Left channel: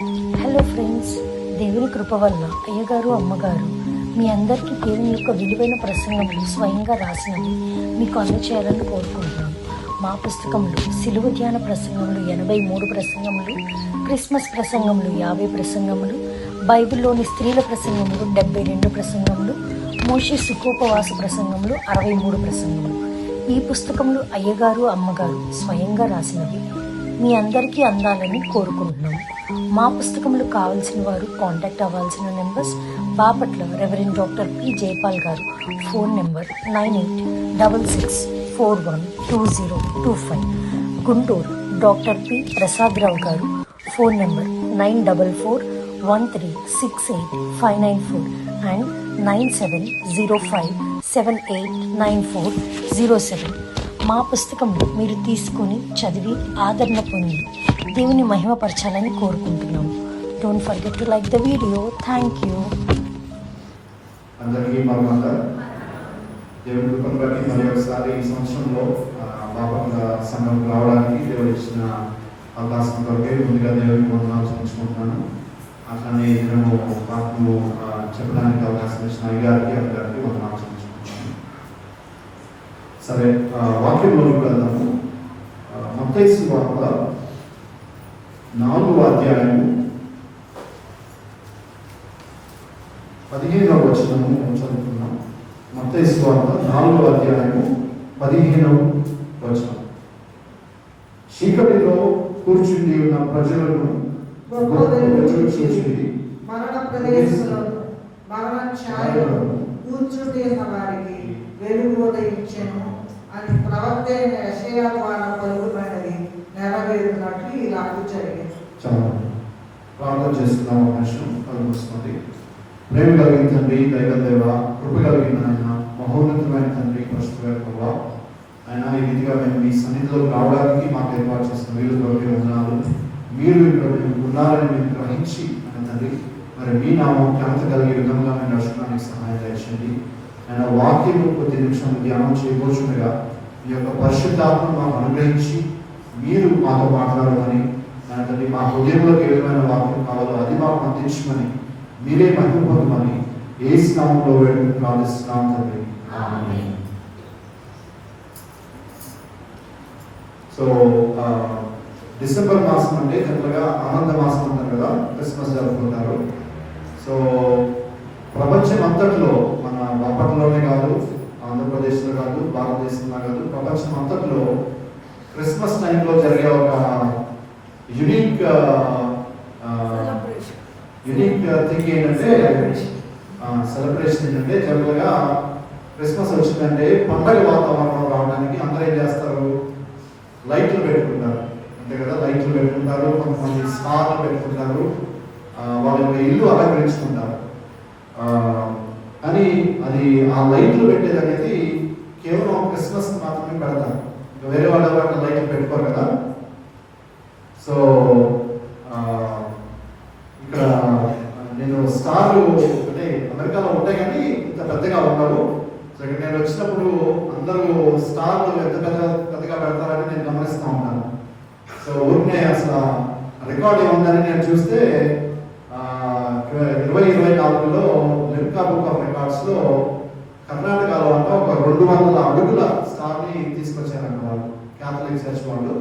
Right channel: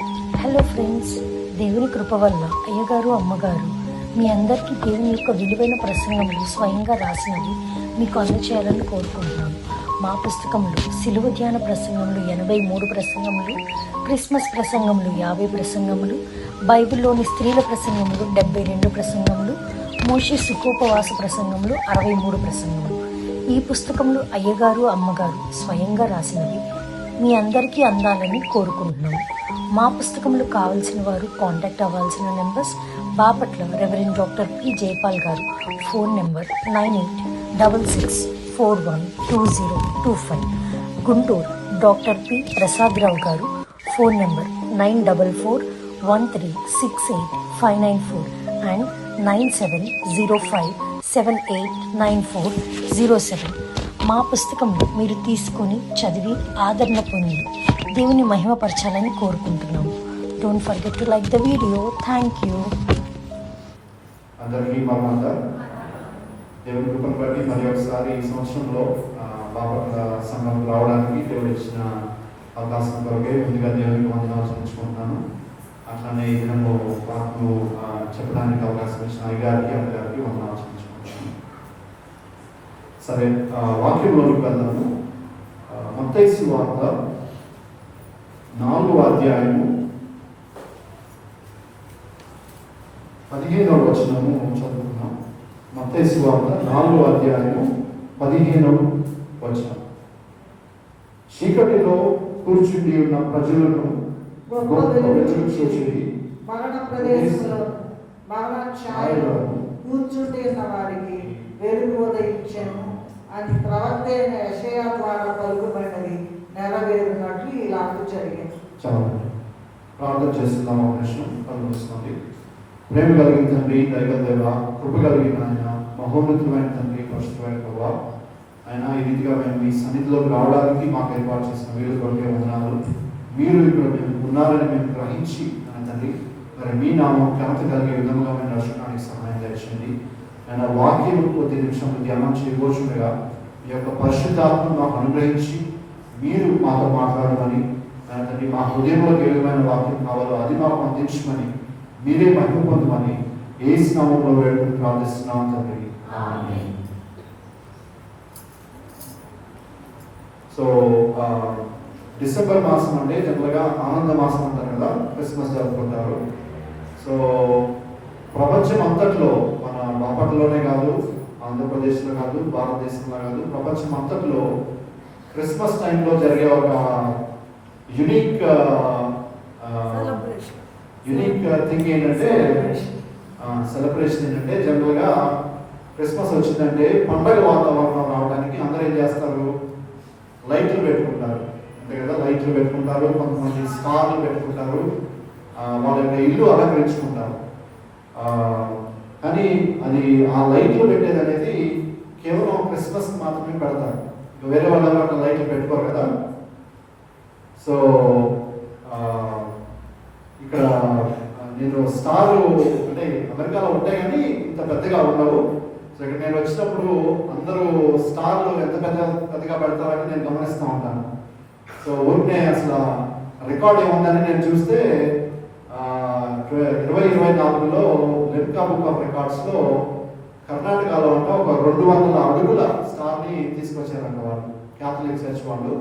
Hello friends, దేవుని కృప వల్ల అయ్యగారు అమ్మగారు మీ అందరికీ దేవుని యొక్క విలువైన ప్రసంగములు స్వయంగా రాసినవి మీకు అందచేయాలని కోరుకుంటున్నాను. మా పుస్తకంలో సిలువ ధ్యాన ప్రసంగములు 83 ప్రసంగములు, క్రిస్మస్ ప్రసంగములు 50 ప్రసంగములు, బైబిల్లోని స్త్రీల ప్రసంగములు 72 ప్రసంగములు, మోషే సుఖోపవాస ప్రసంగములు 63 ప్రసంగములు. ఈ పుస్తకములు అయ్యగారు అమ్మగారు స్వయంగా రాసినవి మీ అందరికీ అందాలని కోరుకుంటున్నాము. మా పుస్తకములు కావాల్సిన వారు కాంటాక్ట్ అవ్వాల్సిన numbers: Bapatla reverend doctor P Jayapal గారు, phone number 9866412025. Guntur doctor P Prasad Rao గారు, ఫోన్ నెంబర్ 9413685994 అండ్ 9705789407. మా పుస్తకంలో మీరు తీసుకొని చదివి ఆదరణ పొంది దేవుని మహిమపరచాలని కోరుకుంటున్నాము. Don't forget to like the video. Thank you. అందరికీ దేవుని కృపను బట్టి మరి ఒకసారి ఈ సంవత్సరంలో బాపట్ల సంఘం రావడానికి దేవుడు ఇచ్చిన అవకాశం కొరకే ముందుగా దేవుని వందనాలు చెల్లించుకుంటున్నాను. అట్లానే ఏదైనా వాక్కు చెప్పడానికి అవకాశం ఇచ్చిన గారికి అందరికీ వందనాలు చెల్లించుకుంటున్నాను. సరే, వాక్యంలోకి వెళ్దాము. మత్తయి సువార్త 4వ అధ్యాయము 15వ వచనము చదువుతున్నాం. మత్తయి సువార్త 4వ అధ్యాయము 15వ వచనం. చీకటిలో కూర్చుని ఉన్న ప్రజలను మరణ ప్రదేశంలో మరణ ఛాయలో కూర్చుండి ఉన్న వారికి వెలుగు ఉదయించెను అని ప్రవక్త యెషయా ద్వారా పలుకుబడినది నెరవేరునట్లు ఇలాగూ జరిగింది. చాలా ప్రార్థన చేస్తున్నాం. అవకాశం కలుగుతుంది. ప్రేమ కలిగిన తండ్రి, దైవ దేవ, కృప కలిగిన ఆయన, మహోన్నతమైన తండ్రి, పరిశుద్ధమైన ప్రభువా, ఆయన ఈ రీతిగా మేము మీ సన్నిధిలో రావడానికి మాకు ఏర్పాటు చేసిన వీరులకి వందనాలు. మీరు ఇక్కడ ఉన్నారని మేము గ్రహించి తండ్రి, మరి మీ నామం ఘనత కలిగే విధంగా మేము నడుచుకోవడానికి సహాయం చేయండి. ఆయన వాక్యం కొద్ది నిమిషాలు ధ్యానం చేయబోచుండగా మీ యొక్క పరిశుద్ధాత్మ మాకు అనుగ్రహించి మీరు మాతో మాట్లాడమని, తండ్రి మా హృదయంలోకి ఏదైనా వాక్యం కావాలో అది మాకు అందించమని, మీరే మహిమ పొందమని యేసు నామములో వేడుకొని ప్రార్థిస్తున్నాం తండ్రి. ఆమేన్. సో డిసెంబర్ మాసం అంటే జనరల్గా ఆనంద మాసం అంటారు కదా, క్రిస్మస్ జరుపుకుంటారు. సో ప్రపంచం అంతట్లో, మన బాపట్లలోనే కాదు, ఆంధ్రప్రదేశ్లో కాదు, భారతదేశంలో కాదు, ప్రపంచం అంతట్లో క్రిస్మస్ టైంలో జరిగే ఒక యునిక్ థింగ్ ఏంటంటే, సెలబ్రేషన్ ఏంటంటే, జనరల్గా క్రిస్మస్ వచ్చిందంటే పండగ వాతావరణం రావడానికి అందరూ ఏం చేస్తారు, లైట్లు పెట్టుకుంటారు. అంతే కదా, లైట్లు పెట్టుకుంటారు, కొంతమంది స్టార్లు పెట్టుకుంటారు, వాళ్ళ యొక్క ఇల్లు అలంకరించుకుంటారు. కానీ అది ఆ లైట్లు పెట్టేది అనేది కేవలం క్రిస్మస్ మాత్రమే పెడతారు. వేరే వాళ్ళ లైట్లు పెట్టుకోరు కదా. సో ఇక్కడ నేను స్టార్ అంటే అమెరికాలో ఉంటాయి కానీ ఇంత పెద్దగా ఉండవు. సో ఇక్కడ నేను వచ్చినప్పుడు అందరూ స్టార్లు ఎంత పెద్దగా పెడతారని నేను గమనిస్తూ ఉంటాను. సో ఊరినే అసలు రికార్డ్ ఏముందని నేను చూస్తే 2024లో లిమ్కా బుక్ ఆఫ్ రికార్డ్స్లో కర్ణాటకలో అంటే ఒక 200 అడుగుల స్టార్ని తీసుకొచ్చారంట వాళ్ళు, క్యాథలిక్ చర్చ్ వాళ్ళు.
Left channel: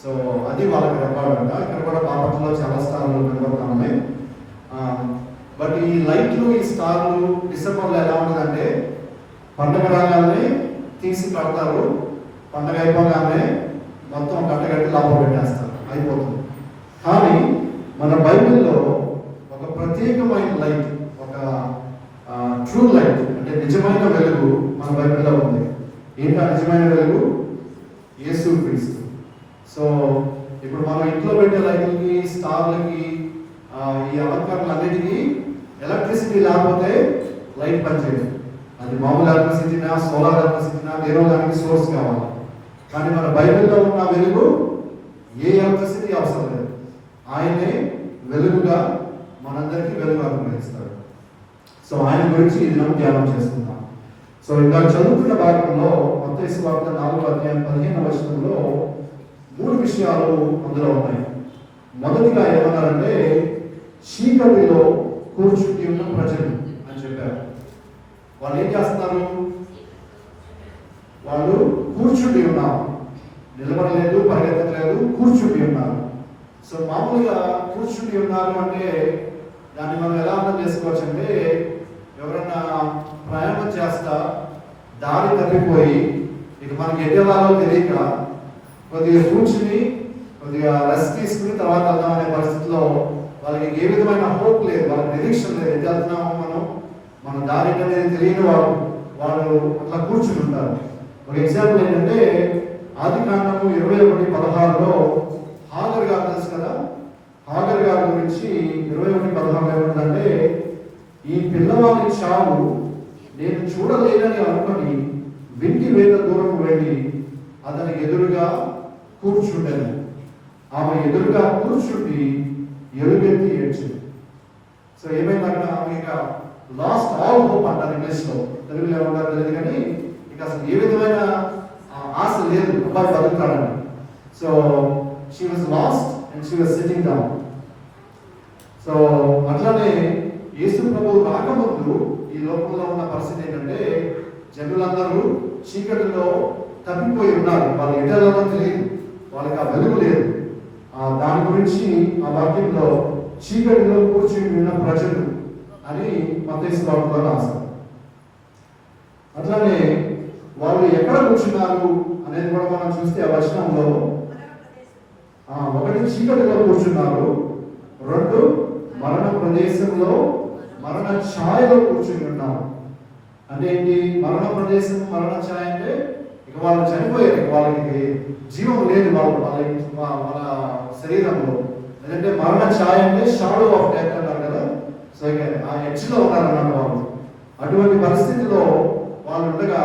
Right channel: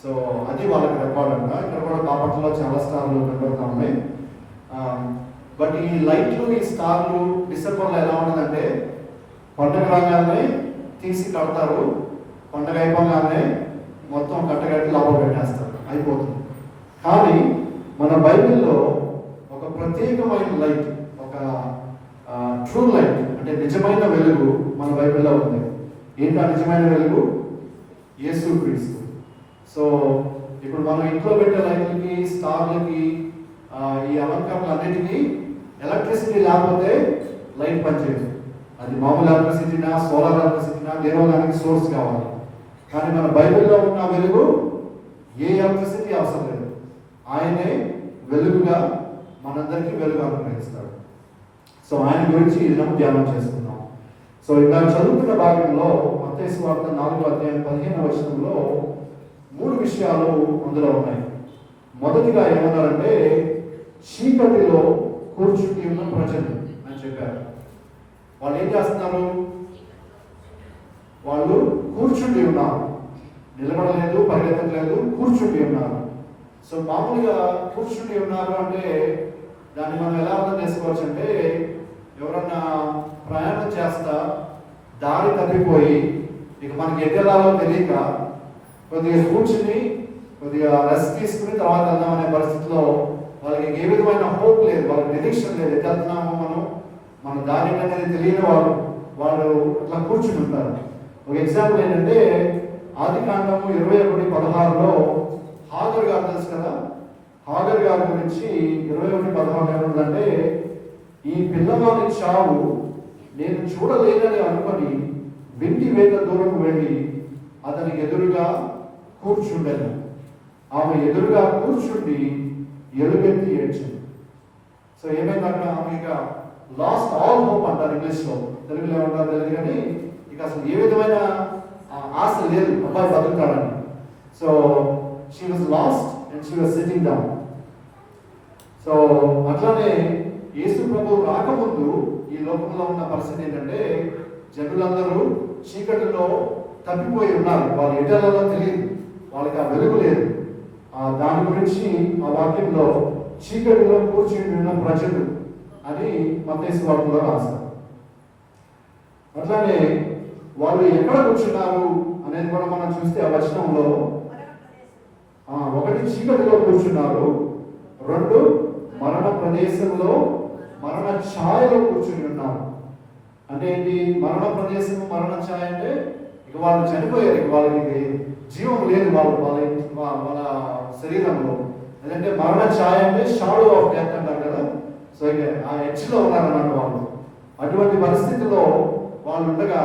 సో అది వాళ్ళకి రికార్డ్ అంట. ఇక్కడ కూడా బాపట్లలో చాలా స్టార్లు కనబడుతూ ఉన్నాయి. బట్ ఈ లైట్లు, ఈ స్టార్లు డిసెంబర్లో ఎలా ఉంటుందంటే, పండుగ రాగానే తీసి కడతారు, పండుగ అయిపోగానే మొత్తం కట్టగట్టి లోపల పెట్టేస్తారు, అయిపోతుంది. కానీ మన బైబిల్లో ఒక ప్రత్యేకమైన లైట్, ఒక ట్రూ లైట్ అంటే నిజమైన వెలుగు మన బైబిల్లో ఉంది. ఏంటో నిజమైన వెలుగు? యేసుక్రీస్తు. సో ఇప్పుడు మనం ఇంట్లో పెట్టే లైట్లకి, స్టార్లకి, ఈ అలంకరణలన్నిటికీ ఎలక్ట్రిసిటీ లేకపోతే లైట్ పనిచేయదు. అది మామూలు ఎలక్ట్రిసిటీనా, సోలార్ ఎలక్ట్రిసిటీనా, వేరే దానికి సోర్స్ కావాలి. కానీ మన బైబిల్లో ఉన్న వెలుగు ఏ ఎలక్ట్రిసిటీ అవసరం లేదు. ఆయనే వెలుగుగా మనందరికీ వెలుగు అనుగ్రహిస్తాడు. సో ఆయన గురించి ఇది మనం ధ్యానం చేస్తున్నాం. సో ఇంకా చదువుతున్న భాగంలో మత్తయి సువార్త 4వ అధ్యాయం 15వ వచనంలో 3 విషయాలు అందులో ఉన్నాయి. మొదటిగా ఏమన్నారంటే, కూర్చుని ఉన్నారు అంటే దాన్ని మనం ఎలా అర్థం చేసుకోవచ్చు అంటే, ఎవరన్నా ప్రయాణం చేస్తా దారి తప్పిపోయి ఇక మనకి ఎటు వెళ్ళాలో తెలియక కొద్దిగా కూర్చుని కొద్దిగా రెస్ట్ తీసుకుని తర్వాత వెళ్దామనే పరిస్థితిలో వాళ్ళకి ఏ విధమైన హోప్ లేదు, వాళ్ళకి నిరీక్షణ లేదు. ఎటు వెళ్తున్నామో మన దారి అనేది తెలియని వాళ్ళు అట్లా కూర్చుంటుంటారు. ఒక ఎగ్జాంపుల్ ఏంటంటే, ఆదికాండము 21:16లో హాగర్ గారు తెలుసు కదా, హాగర్ గారి గురించి 21:16 ఏముందంటే, ఈ పిల్లవాడి చావు నేను చూడలేనని అనుకుని వెండి వేల దూరం వెళ్ళి అతనికి ఎదురుగా కూర్చుండెను. ఆమె ఎదురుగా కూర్చుండి ఎలుగెత్తి ఏడ్చింది. సో ఏమైందంటే ఆమె ఇక లాస్ట్ ఆల్ హోప్ అంటారు ఇంగ్లీష్లో, తెలుగులో ఏమంటారు తెలియదు కానీ ఇక అసలు ఏ విధమైన ఆశ లేదు అబ్బాయి బతుకుతాడని. So she was lost and she was sitting down. So అట్లానే యేసు ప్రభువు రాకముందు ఈ లోకంలో ఉన్న పరిస్థితి ఏంటంటే, జనులందరూ చీకటిలో తప్పిపోయి ఉన్నారు. వాళ్ళు ఎటాలలో తెలియదు, వాళ్ళకి ఆ వెలుగు లేదు. దాని గురించి ఆ వాక్యంలో చీకటిలో కూర్చుని ఉన్న ప్రజలు అని మత్తయి సువార్తలో రాశారు. అట్లానే వాళ్ళు ఎక్కడ కూర్చున్నారు అనేది కూడా మనం చూస్తే ఆ వచనంలో ఒకటి చీకటిలో కూర్చున్నారు, రెండు మరణ ప్రదేశంలో మరణ ఛాయలో కూర్చుని ఉన్నారు. అంటే ఏంటి మరణ ప్రదేశం, మరణ ఛాయ అంటే ఇక వాళ్ళు చనిపోయారు, ఇక వాళ్ళకి జీవం లేదు వాళ్ళ శరీరంలో. ఎందుకంటే మరణ ఛాయ అంటే షాడో ఆఫ్ డెత్ అంటారు కదా. సో ఇక ఆ ఎడ్జ్లో ఉన్నారన్నమాట వాళ్ళు. అటువంటి పరిస్థితిలో వాళ్ళు ఉండగా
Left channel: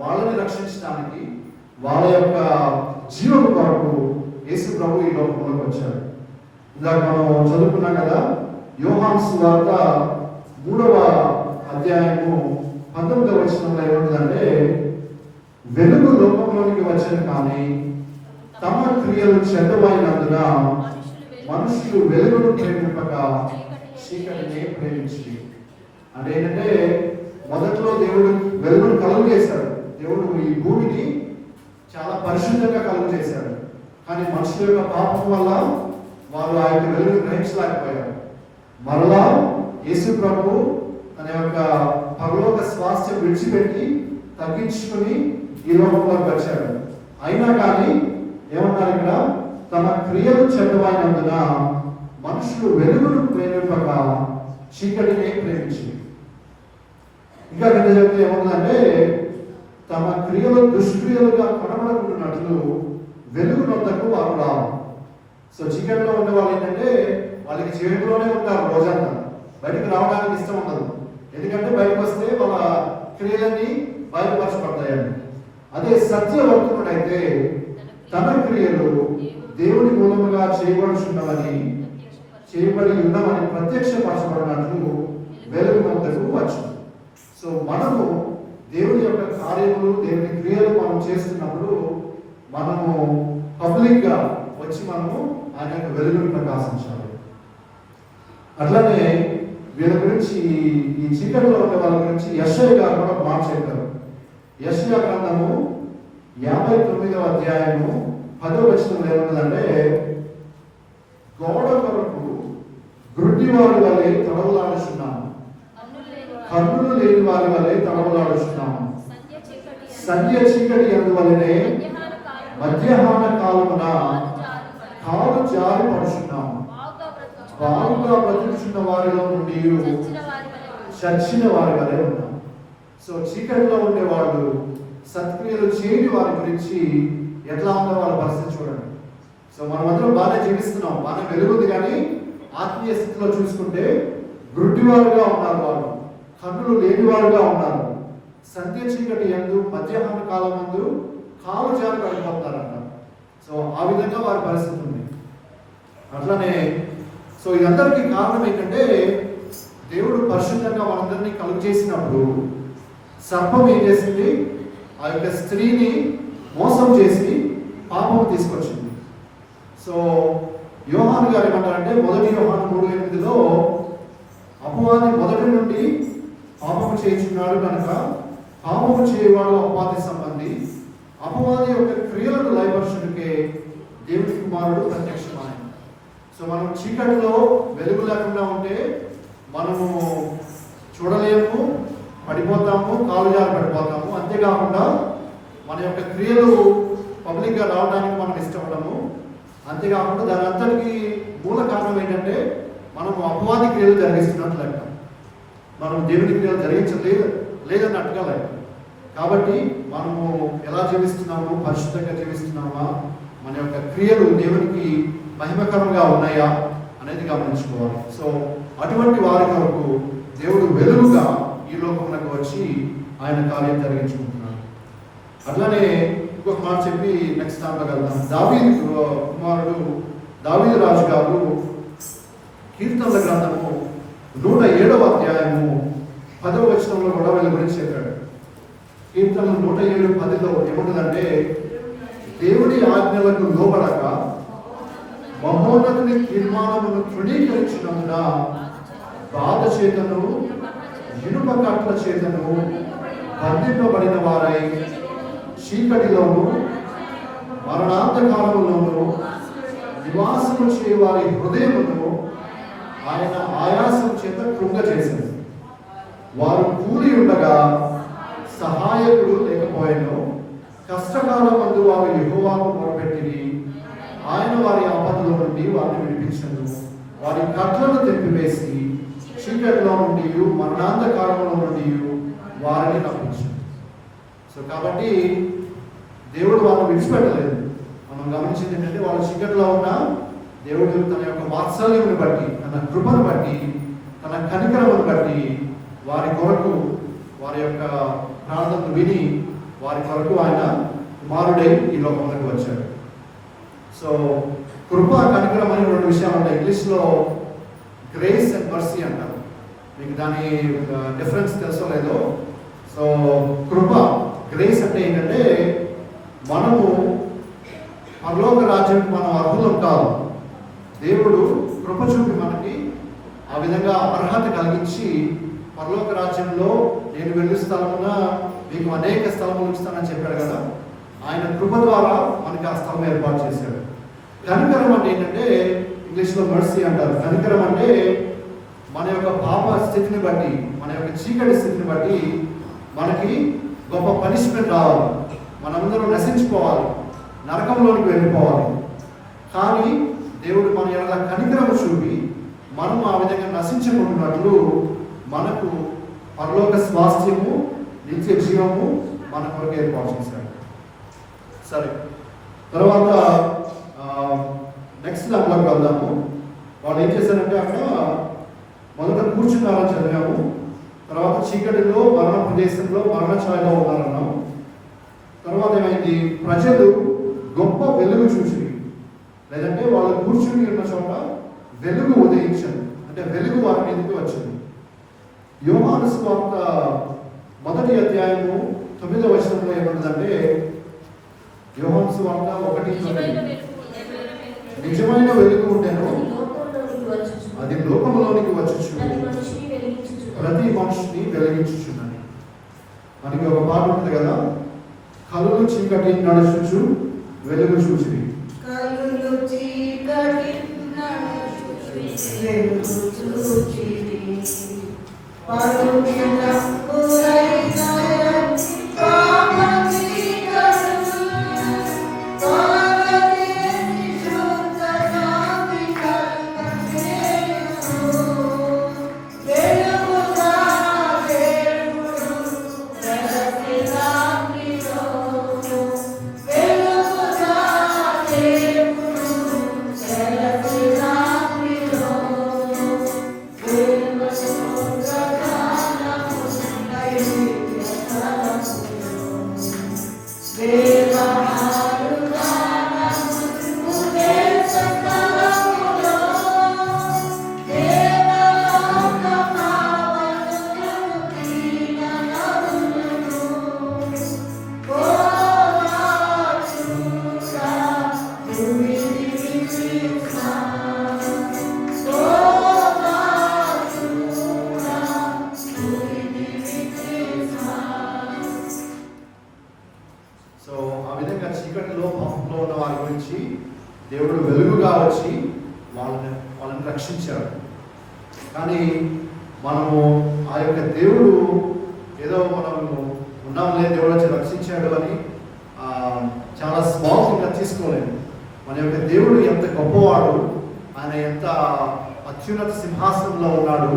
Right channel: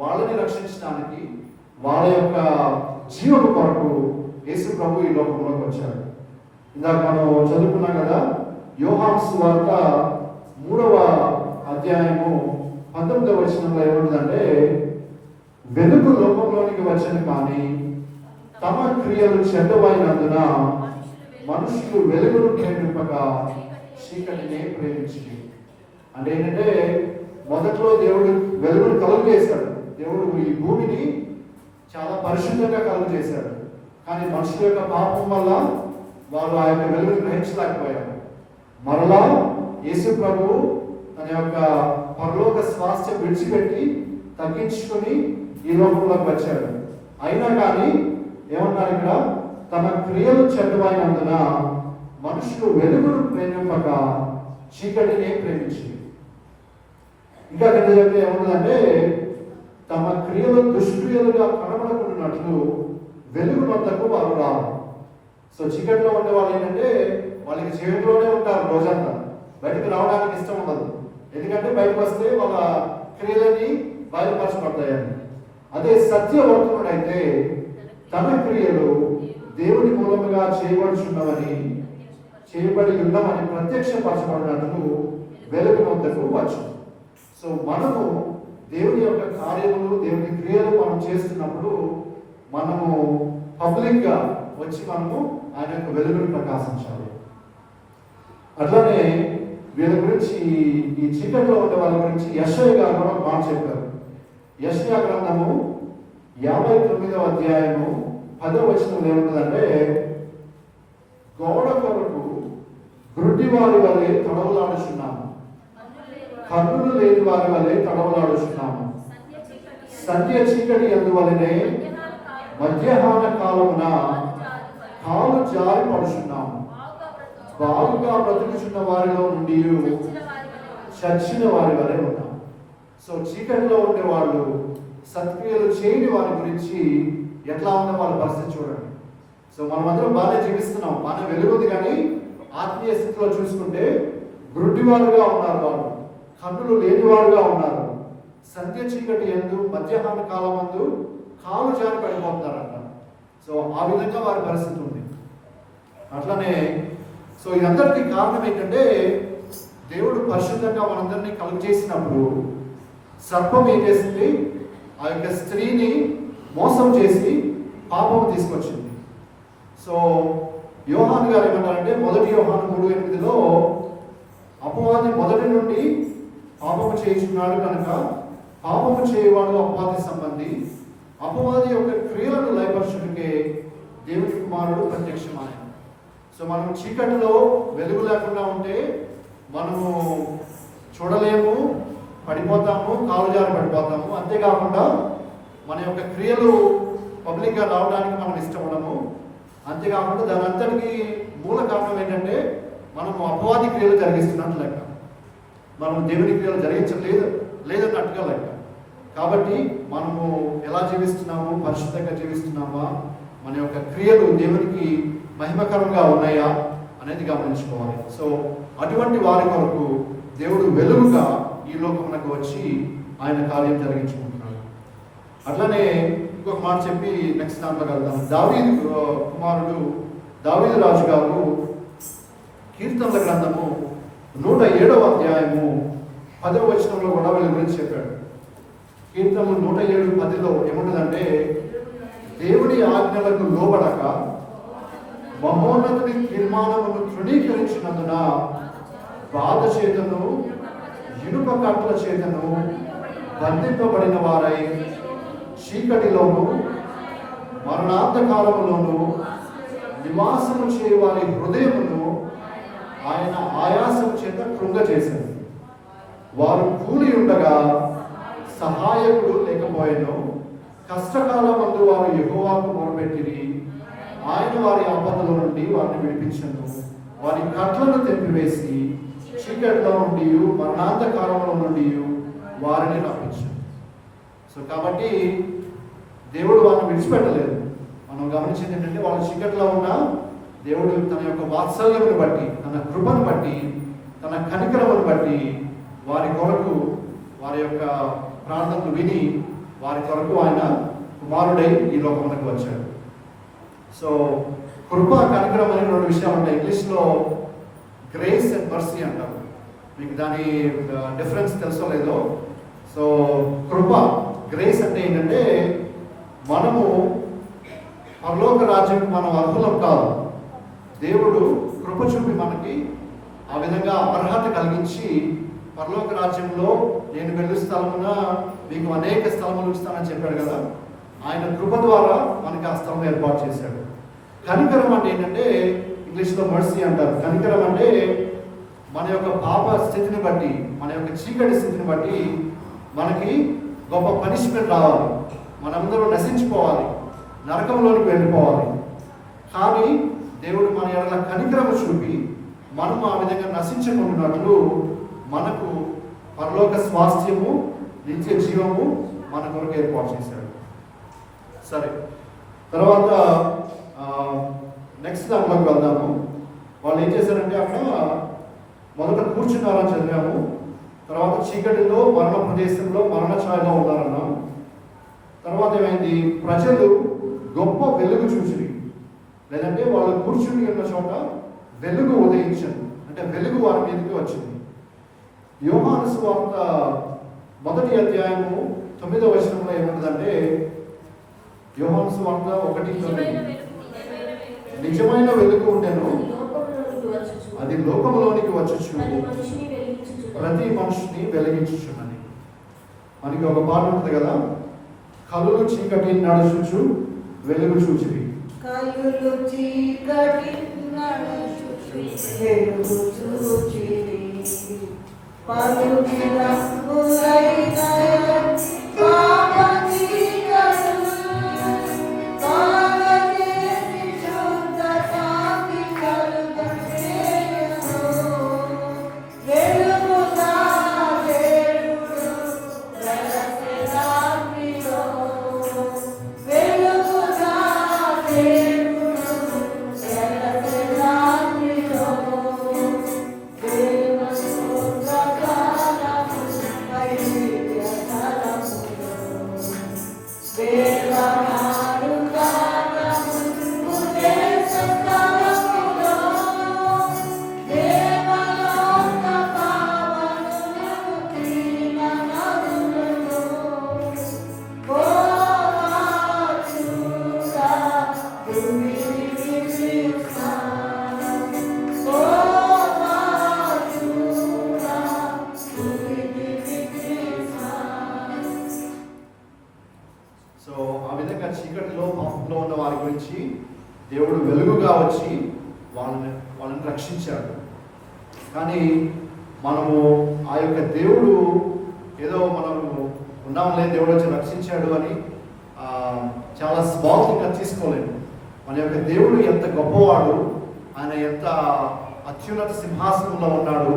వాళ్ళని రక్షించడానికి వాళ్ళ యొక్క జీవం కొరకు యేసు ప్రభు ఈ లోకంలోకి వచ్చారు. ఇందాక మనం చదువుకున్నాం కదా, యోహాను సువార్త 3వ అధ్యాయము 19వ వచనంలో ఏముందంటే, వెలుగు లోకంలోనికి వచ్చిన కానీ తమ క్రియలు చెడ్డమైనందున మనుషులు వెలుగును ప్రేమింపక చీకటినే ప్రేమించి. అంటే ఏంటంటే, మొదట్లో దేవుడు వెలుగును కలుగు చేశాడు. దేవుడు ఈ భూమిని చాలా పరిశుద్ధంగా కలుగు చేశాడు. కానీ మనుషుల యొక్క పాపం వల్ల వాళ్ళు ఆ యొక్క వెలుగును గ్రహించలేకపోయారు. మరలా యేసు ప్రభువు తన యొక్క పరలోక స్వాస్థ్యం విడిచిపెట్టి తగ్గించుకొని ఈ లోకంలోకి వచ్చాడు. అయినా కానీ ఏమన్నారు ఇక్కడ, తమ క్రియలు చెడ్డమైనందున మనుషులు వెలుగును ప్రేమింపక చీకటినే ప్రేమించి. ఇంకా కింద చెప్తే ఏమన్నదంటే, తమ క్రియలు దుష్క్రియలుగా కనబడుతున్నట్లు వెలుగు వద్దకు వారు రావు. సో చీకటిలో ఉండే వాళ్ళు ఏంటంటే, వాళ్ళకి చీకటిలోనే ఉంటారు రోజంతా, బయటకు రావడానికి ఇష్టం ఉండదు. ఎందుకంటే బయటకు వస్తే వాళ్ళ క్రియలన్నీ బయలుపరచబడతాయని. అదే సత్యవంతుడైతే తన క్రియలు దేవుని మూలముగా చేయబడి ఉన్నామని ప్రత్యక్షపరచబడినట్లు వెలుగు వద్దకు వచ్చు. సో మనము దేవుని యొక్క కార్యములు, దేవుని క్రియలు మనం చేస్తున్నప్పుడు మనము పబ్లిక్ గా వచ్చి మనము ఆయన యొక్క వెలుగును ప్రకాశించాలి. అట్లానే వీళ్ళ గురించి, ఈ చీకటిలో ఉండే వాళ్ళ గురించి యెషయా గారు కూడా మాట చెప్పారు. యెషయా గ్రంథము 59వ అధ్యాయము 10వ వచనంలో ఏముందంటే, గోడ కొరకు గుడ్డివారి వలె తడవలాడుచున్నాము, కన్నులు లేని వారి వలె తడవలాడుచున్నాము. సంధ్య చీకటి ఎందువలనే మధ్యాహ్న కాలమున కాలు జారి పడుచున్నాము. బాగుగా బ్రతుకుచున్న వారిలో నుండి చచ్చిన వారి వలె ఉన్నాం. సో చీకటిలో ఉండే వాళ్ళు, సత్క్రియలు చేయని వారి గురించి ఎట్లా ఉందో వాళ్ళ పరిస్థితి చూడండి. సో మనమందరం బాగానే జీవిస్తున్నాం, బాగానే వెలుగుంది, కానీ ఆత్మీయ స్థితిలో చూసుకుంటే గుడ్డివారుగా ఉన్నారు, వాళ్ళు కన్నులు లేనివారుగా ఉన్నారు. సంధ్య చీకటి ఎందు మధ్యాహ్న కాలం ముందు కాలు జారి పడిపోతున్నారంట. సో ఆ విధంగా వారి పరిస్థితి ఉంది. అట్లనే సో ఇదందరికీ కారణం ఏంటంటే, దేవుడు పరిశుద్ధంగా మనందరినీ కలుగు చేసినప్పుడు సర్పం ఏం చేసింది, ఆ యొక్క స్త్రీని మోసం చేసి పాపము తీసుకొచ్చింది. సో యోహాను గారు ఏమంటారంటే, 1 యోహాను 3:8లో అపవాది మొదటి నుండి పాపము చేయించున్నాడు కనుక పాపము చేయవాడు అపవాది సంబంధి, అపవాది యొక్క క్రియలను లయపరచుటకే దేవుని కుమారుడు ప్రత్యక్షమాయను. సో సో మనం చీకటిలో వెలుగు లేకుండా ఉంటే మనము చూడలేము, పడిపోతాము, కాలు జారి పడిపోతాము. అంతేకాకుండా మన యొక్క క్రియలు పబ్లిక్గా రావడానికి మనం ఇష్టపడము. అంతేకాకుండా దాని అంతటికి మూల కారణం ఏంటంటే మనము అపవాది క్రియలు జరిగిస్తున్నట్టు లెక్క, మనం దేవుని క్రియలు లేదన్నట్టుగా లెక్క. కాబట్టి మనము ఎలా జీవిస్తున్నాము, పరిశుద్ధంగా జీవిస్తున్నామా, మన యొక్క క్రియలు దేవునికి మహిమకరంగా ఉన్నాయా అనేది గమనించుకోవాలి. సో అటువంటి వారి కొరకు దేవుడు వెలుగుగా ఈ లోకమునకు వచ్చి ఆయన కార్యం జరిగించుకుంటున్నాడు. అట్లానే ఇంకొక మాట చెప్పి నెక్స్ట్ దాంట్లోకి వెళ్తాను. దావీదు కుమారుడు దావీదు రాజు గారు కీర్తనల గ్రంథము 107వ అధ్యాయము 10వ వచనంలో కూడా వీళ్ళ గురించి చెప్పాడు. కీర్తనలు 107:10లో ఏముంటుందంటే, దేవుడి ఆజ్ఞలకు లోబడక మహోన్నతుని తీర్మానమును తృణీకరించినందున బాధ చేతను ఇనుప కట్ల చేతను బంధింపబడిన వారై చీకటిలోను మరణాంతకాలములోను నివాసము చేయవారి హృదయమును ఆయన ఆయాసము చేత కృంగచేసింది. వారు కూలి ఉండగా సహాయకుడు లేకపోయాను. కష్టకాలమందు వారు యెహోవాకు మొరపెట్టిరి. ఆయన వారి ఆపదల నుండి వారిని విడిపించను. వారి కట్లను తెంపివేసి చీకటిలో నుండి మరణాంధకారంలో నుండి వారిని రప్పించను. సో కాబట్టి దేవుడు వారిని విడిచిపెట్టలేదు. మనం గమనించింది ఏంటంటే, వాళ్ళ చీకటిలో ఉన్న దేవుడు తన యొక్క వాత్సల్యమును బట్టి, తన కృపను బట్టి, తన కనికరమును బట్టి వారి కొరకు వారి యొక్క ప్రార్థనలు విని వారి కొరకు ఆయన కుమారుడై ఈ లోకమునకు వచ్చాడు. సో కృప, కనికరం అనే రెండు విషయాలు ఉంటాయి. ఇంగ్లీష్లో గ్రేస్ అండ్ మర్సీ అంటారు. మీకు దాని డిఫరెన్స్ తెలుసో లేదో. సో కృప, గ్రేస్ అంటే ఏంటంటే, మనము పరలోక రాజ్యం మనం అర్హులం కాదు. దేవుడు కృప చూపి మనకి ఆ విధంగా అర్హత కలిగించి పరలోక రాజ్యంలో నేను వెళ్ళే స్థలమున మీకు అనేక స్థలములు ఇస్తానని చెప్పాడు కదా. ఆయన కృప ద్వారా మనకి ఆ స్థలం ఏర్పాటు చేశాడు. కనికరం అంటే ఏంటంటే, ఇంగ్లీష్లో మర్సీ అంటారు. కనికరం అంటే మన యొక్క పాప స్థితిని బట్టి, మన యొక్క చీకటి స్థితిని బట్టి మనకి గొప్ప పనిష్మెంట్ రావాలి, మనందరూ నశించిపోవాలి, నరకంలోనికి వెళ్ళిపోవాలి. కానీ దేవుడు మన యొక్క కనికరము చూపి మనము ఆ విధంగా నశించుకుంటున్నట్లు మనకు పరలోక స్వాస్థ్యము, నిత్య జీవము మన కొరకు ఏర్పాటు చేశాడు. సరే, తర్వాత నెక్స్ట్ దాంట్లోకి వెళ్దాము. వాళ్ళు ఏం చేశారంటే, అక్కడ మొదట కూర్చున్నారని చదివాము. తర్వాత చీకటిలో మరణ ప్రదేశంలో మరణ ఛాయలో ఉన్నారన్నాము. తర్వాత ఏమైంది, ప్రజలు గొప్ప వెలుగు చూసి, లేదంటే వాళ్ళు కూర్చుని ఉన్న చోట వెలుగు ఉదయించింది, అంటే వెలుగు వారి మీదకి వచ్చింది. యోహాను సువార్త 1వ అధ్యాయము 9వ వచనంలో ఏముంటుందంటే, యోహాను సువార్త 1:9, నిజమైన వెలుగు ఉండెను, అది లోకములోనికి వచ్చుచు ప్రతి మనిషిని వెలిగించుచున్నది. మనకి ఒక పాట ఉంటుంది కదా, కలులు చీకటి నడుచుచు వెలుగు చూచిరి. కలులు చీకటి నడుచుచు వెలుగు చూచిరి. పరుగిన పురైన దేవుడు వెలుగుగా వచ్చి వాళ్ళని మనల్ని రక్షించాడు. కానీ మనము ఆ యొక్క దేవుడు ఏదో మనము ఉన్నాంలే, దేవుడు వచ్చి రక్షించాడు అని చాలా స్మార్ట్గా తీసుకోలేము. మన యొక్క దేవుడు ఎంత గొప్పవాడు, ఆయన ఎంత అత్యున్నత సింహాసనంలో ఉన్నాడు,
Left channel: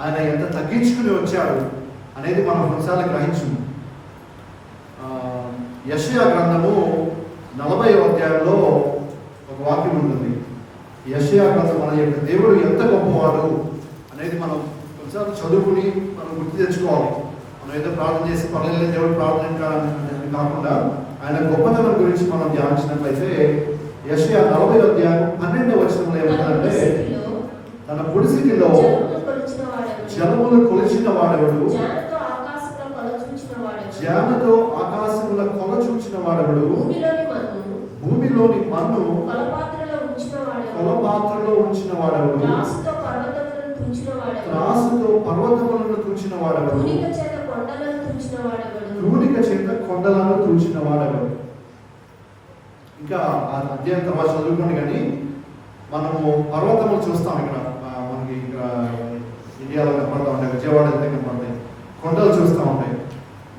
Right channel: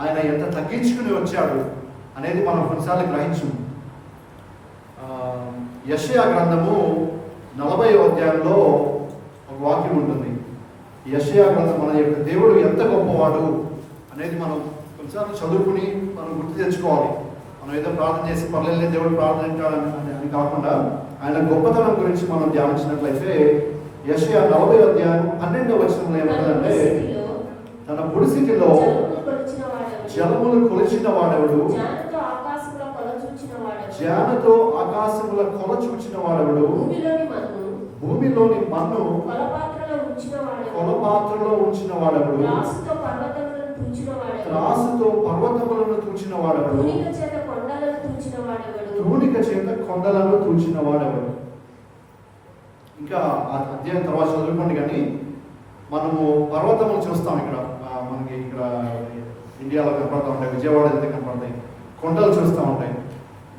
ఆయన ఎంత తగ్గించుకుని వచ్చాడు అనేది మనం కొన్నిసార్లు గ్రహించు. యెషయా గ్రంథము 40వ అధ్యాయంలో ఒక వాక్యం ఉంటుంది. యెషయా గ్రంథం మన యొక్క దేవుడు ఎంత గొప్పవాడు అనేది మనం కొన్నిసార్లు చదువుకుని మనం గుర్తు తెచ్చుకోవాలి. మనం ఏదో ప్రార్థన చేసి పర్లేదు దేవుడు ప్రార్థన అని కాకుండా ఆయన గొప్పతనం గురించి మనం ధ్యానించినట్లయితే యెషయా 40వ అధ్యాయం 12వ వచనంలో ఏమంటారంటే, తన పుడిసిటిలో జలములు కొలిచిన వాడెవడు, జ్ఞానతో ఆకాశముల కొల చూచిన వాడెవడు, భూమిలోని మన్ను కొలపాత్రలో ఉంచిన వాడెవడు, త్రాసుతో పర్వతములను తూచిన వాడెవడు, తూనిక చేత కొండలను తూచిన వాడెవడు. ఇంకా ఆ అధ్యాయం తర్వాత చదువుకోండి. కానీ మనము పర్వతములు చూస్తాం. ఇక్కడ మనకి ఇక్కడ ఇండియాలో కనపడతా ఉంటాయి, విజయవాడ అయితే కనపడతాయి, కొండలు చూస్తూ ఉంటాయి.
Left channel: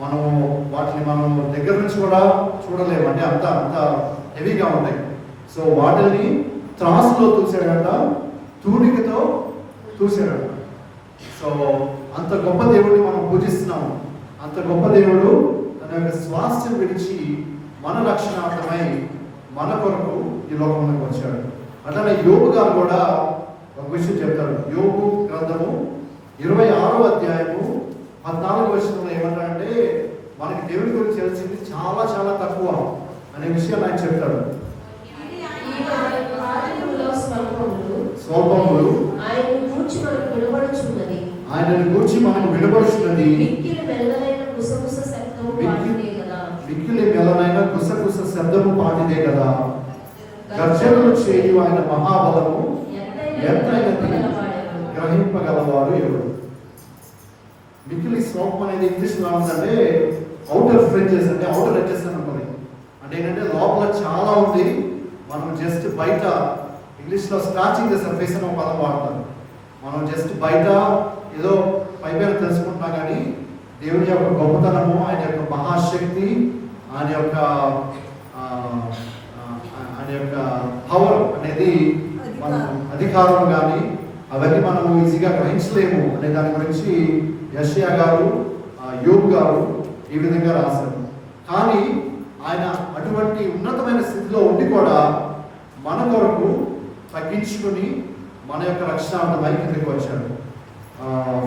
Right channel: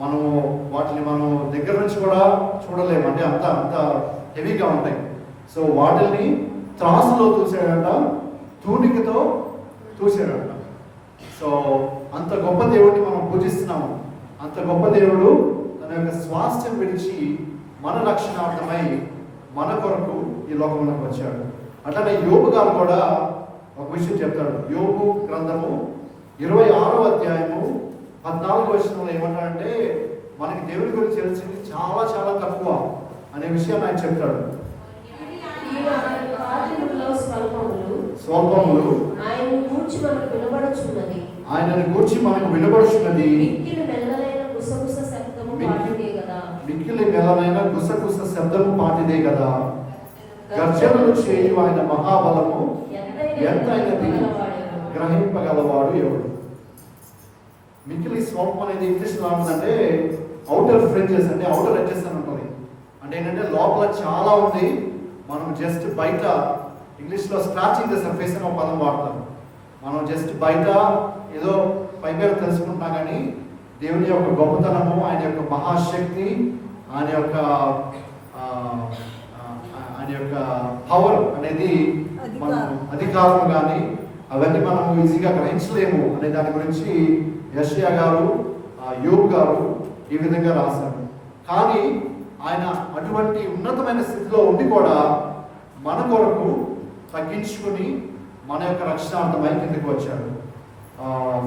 మనము వాటిని మనం దగ్గర నుంచి కూడా చూడలేము, అంటే అంత హెవీగా ఉంటాయి. సో వాటిని త్రాసులో తూసాడంట, తూనికతో తూసాడంట. సో అంత గొప్ప దేవుడిని మనం పూజిస్తున్నాము. అంత గొప్ప దేవుడు తన యొక్క స్వాస్థ్యం విడిచి మన రక్షణార్థమై మన కొరకు ఈ లోకంలోకి వచ్చాడు. అట్లానే యోబు గారు కూడా ఒక విషయం చెప్తాడు. యోబు గ్రంథము 26వ అధ్యాయము 14వ వచనంలో ఏమంటాడంటే, మనకి దేవుడి గురించి తెలిసింది చాలా చాలా తక్కువ అనే విషయాన్ని ఆయన చెప్తాడు. స్వల్పములు ఆయనను గూర్చి మనకు వినబడుచున్నది, మిక్కిలి మెల్లనైన గుసగుస శబ్దము పాటిదే కదా. గర్జనలు చేయు ఆయన మహాబలము ఎంతైనది, గ్రహింపగలవాడు ఎవడు. మిక్కిలి స్వల్పం అనేది ఇంగ్లీష్లో ఉందంటే అవుటర్ ఫ్రింజెస్, అంటే అవుటర్ ఎడ్జెస్ అని ఉంటుంది. అంటే ఏంటంటే లోపల చాలా ఉంది, మనం జస్ట్ బయట, ఇంగ్లీష్లో స్క్రాచింగ్ ద సర్ఫేస్ అని ఒక పదం వాడతాం. మనం జస్ట్ బయట ఏదో పైపైన తెలుసుకుంటున్నా, కానీ దేవుని యొక్క గొప్పతనము, ఆయన యొక్క మహాశక్తి, ఆయన యొక్క పవర్ అనేది మనం అధికారం కానీ అవన్నీ మనము ఈజీగా గ్రహించలేము అనే దాని గురించి యెషయా గారు, యోబు గారు ఈ విధంగా రాశారు. కానీ ఆయన అటువంటి ఉన్నతమైన స్థితిలో ఉండి కూడా మన కొరకు తగ్గించుకుని మన యొక్క రక్షణార్థమై కిందకి వచ్చాడు.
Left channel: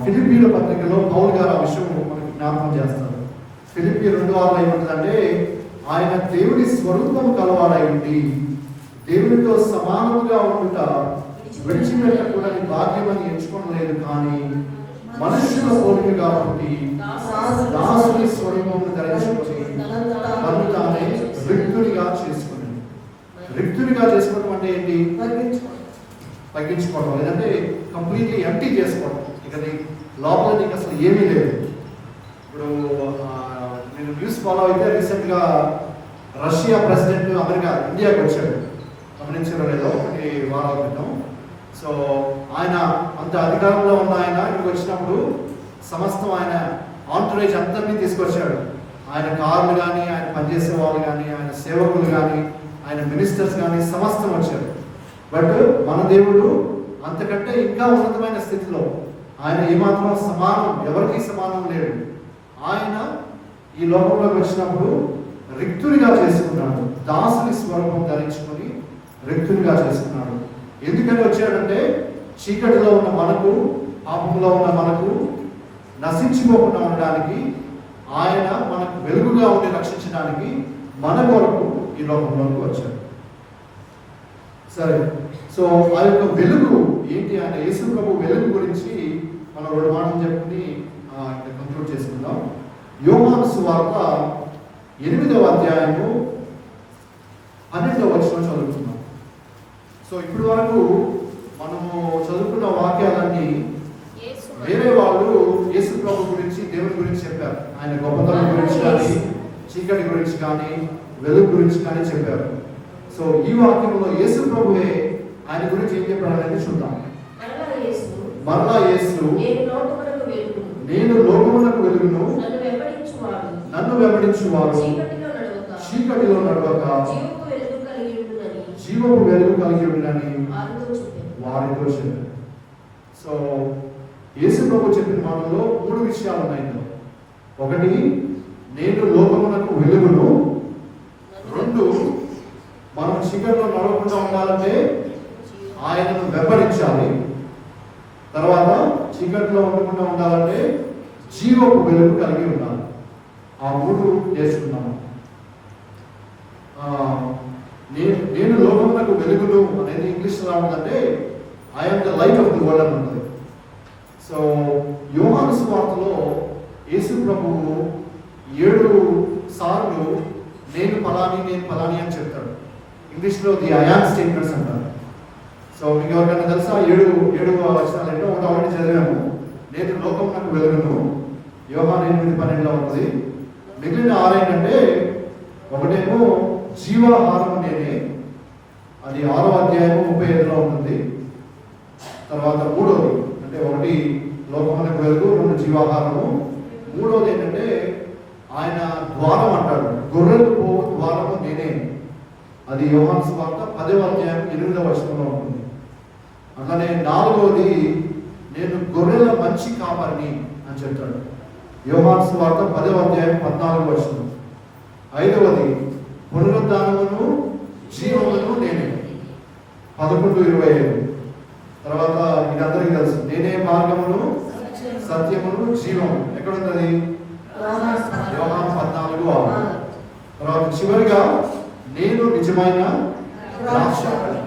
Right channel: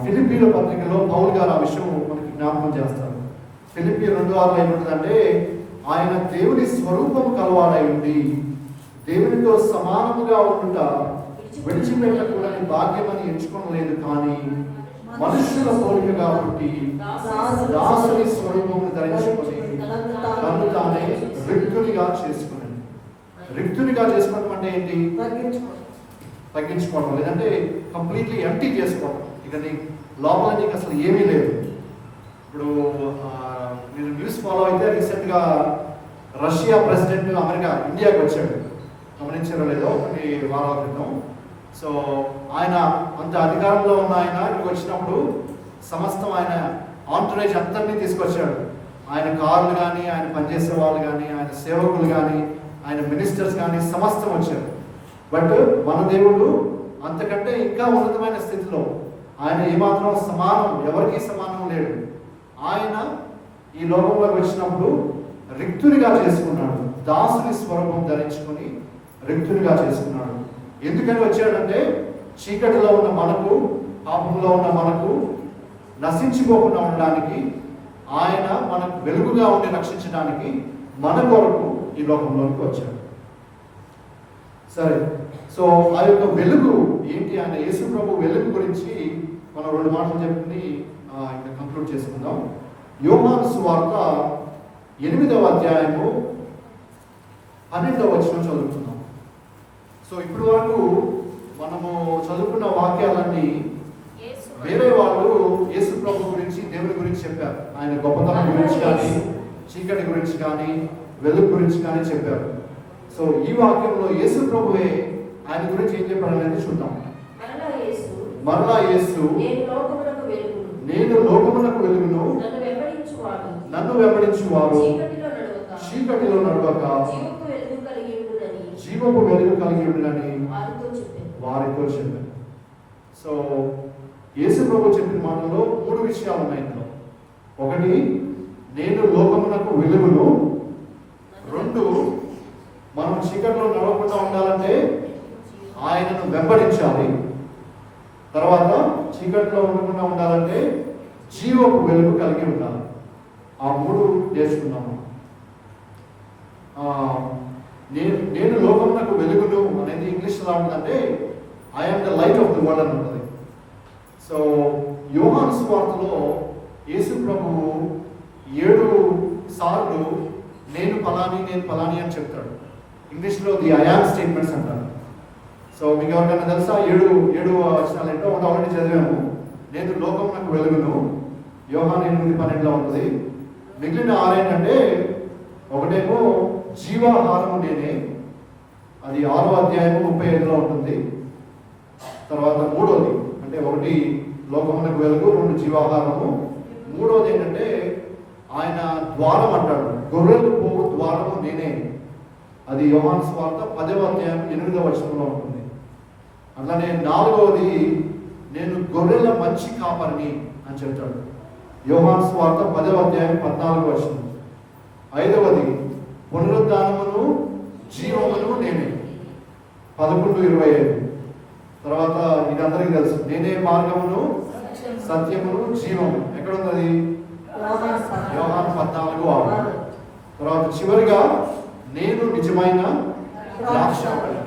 ఫిలిప్పీల పత్రికలో పౌలు గారు ఆ విషయం మనకి జ్ఞాపకం చేస్తారు. ఫిలిప్పీ 2:6 ఏమంటుందంటే, ఆయన దేవుని స్వరూపం కలవాడై ఉండి దేవునితో సమానముగా ఉండుట విడిచిపెట్టకూడని భాగ్యమని ఎంచుకోలేదు, కానీ మనుష్యుల పోలిక కాబట్టి దాసుని స్వరూపమును ధరించుకొని తను తానే రిక్తునిగా చేసుకుని. రిక్తునిగా చేసుకోవడం అంటే ఏంటి? తగ్గించుకోవడం, లేదంటే కంప్లీట్లీ ఎంటీ చేసుకోవడం. ఇక లోపల నీకు అసలు ఏమీ లేదు. ఇప్పుడు నేను న్యూస్ ఫాలో అయితే రీసెంట్గా రష్యా ప్రెసిడెంట్ ఇండియాకి వచ్చాడు, గమనించారో లేదో, కొన్ని వారాల క్రితం. సో ఆయన అంత అధికారంలో ఉన్న ఆయన ఇక్కడికి వచ్చినప్పుడు సమస్తం ఆయన ఆంటరేజ్ అందరినీ తీసుకొచ్చాడు. ఆయన కార్లు కానీ, ఆయన పనిచేసే వాళ్ళు కానీ, ఆయన సేవకులు కానీ, ఆయన మినిస్టర్స్ కానీ సమస్తం వచ్చారు. బట్ మన దేవుడు అంతకంటే ఇంకా ఉన్నతమైన స్థితిలో, ఆయన ఏమాత్రం సమానం, ఎవరికీ సమానం లేడు. ఆయన ఈ లోకంలోకి వచ్చినప్పుడు రిక్తునిగా చేసుకున్నాడు, దాసుని స్వరూపం ధరించుకొని రిక్తునిగా చేసుకున్నాడు. ఎందుకని వచ్చాడంటే, చీకటిలో ఉన్న మనకు, పాపంలో ఉన్న మనకు నశించిపోకుండా ఉండడానికి, ఆయన మనకు వెలుగుగా ఉండి రక్షించడానికి మన కొరకు ఈ లోకంలోకి వచ్చాడు. సరే, సో ఆ యొక్క వెలుగు ఏంటి? ఆయన యేసు ప్రభు వెలుగు గురించి మనం 2 మాటలు చెప్పుకుని ఇక్కడ కంక్లూడ్ చేసుకుందాం. యోహాను సువార్త 8వ అధ్యాయము 12వ వచనం చదువుతున్నాం. సో ఇప్పటి వరకు మనము చదువుకున్న వాక్యాలన్నీ వేరే వాళ్ళు యేసు ప్రభు గురించి, దేవుని గురించి చెప్పారు. ఆయన గొప్పతనం గురించి కానీ, చీకటి గురించి కానీ, వెలుగు గురించి కానీ చెప్పారు. సో ఈ వాక్యంలో యేసు ప్రభువే ఆయన గురించి ఏం చెప్పాడు అనేది చూద్దాం. మరలా యేసు నేను లోకమునకు వెలుగును, నేను లోకమునకు వెలుగును, నన్ను వెంబడించువాడు చీకటిలో నడవక చీకటిలో నడవక జీవపు వెలుగు కలిగి ఉండునని వారితో చెప్పాను. వారితో చెప్పారు. సో యేసు ప్రభు చెప్పిన మాటల్లో 3 విషయాలు ఉన్నాయి ఇందులో. ఒకటి, నేను లోకమునకు వెలుగును. 2, మనం చీకటిలో నడవకుండా ఉండాలంటే ఆయనను వెంబడించాలి. తర్వాత చీకటిలో ఉండకుండా ఉండాలంటే జీవపు వెలుగు కలిగి ఉండాలి. ఆ 3 నేర్చుకున్నాము. నేను లోకమునకు వెలుగును అనేది ఇంగ్లీష్లో ఎలా ఉంటుందంటే I'm the light of the world అని ఉంటుంది. సో యోహాను సువార్తలో యేసు ప్రభువు 7 సార్లు నేను ఫలాని అని చెప్తాడు. ఇంగ్లీష్లో ది ఐ యామ్ స్టేట్మెంట్స్ అంటారు. సో మీకు ఎవరికైనా తెలుసా 7 వచనాలు ఏంటో? ఒకటి ఆల్రెడీ చదివాము, నేను లోకమునకు వెలుగును, యోహాను 8:12 ఉంటుంది. మిగిలిన 6 ఏంటంటే, ఒకటేమో జీవాహారము నేనే, అది 6వ అధ్యాయం 35లో ఉంటుంది. తర్వాత 3వది అంటే 1 లోకమునకు వెలుగు, 2 జీవాహారము, 3వది ఏంటంటే ఆయన ద్వారం అంటాడు, గొర్రెలు పోవు ద్వారము నేనే, అది యోహాను సువార్త 10వ అధ్యాయం 8వ వచనంలో ఉంటుంది. అట్లానే 4వది నేను గొర్రెల మంచి కాపరిని అని చెప్తాడు, యోహాను సువార్త 10వ అధ్యాయం 14వ వచనం. 5వది పునరుద్ధానమును జీవమును నేనే, 11:25. తర్వాత ఇది అందరికీ తెలుసు, నేనే మార్గమును సత్యమును జీవము, ఎక్కడ ఉన్నది? యోహాను 14:6. తర్వాత చివరిగా నేను నిజమైన ద్రాక్షావళి,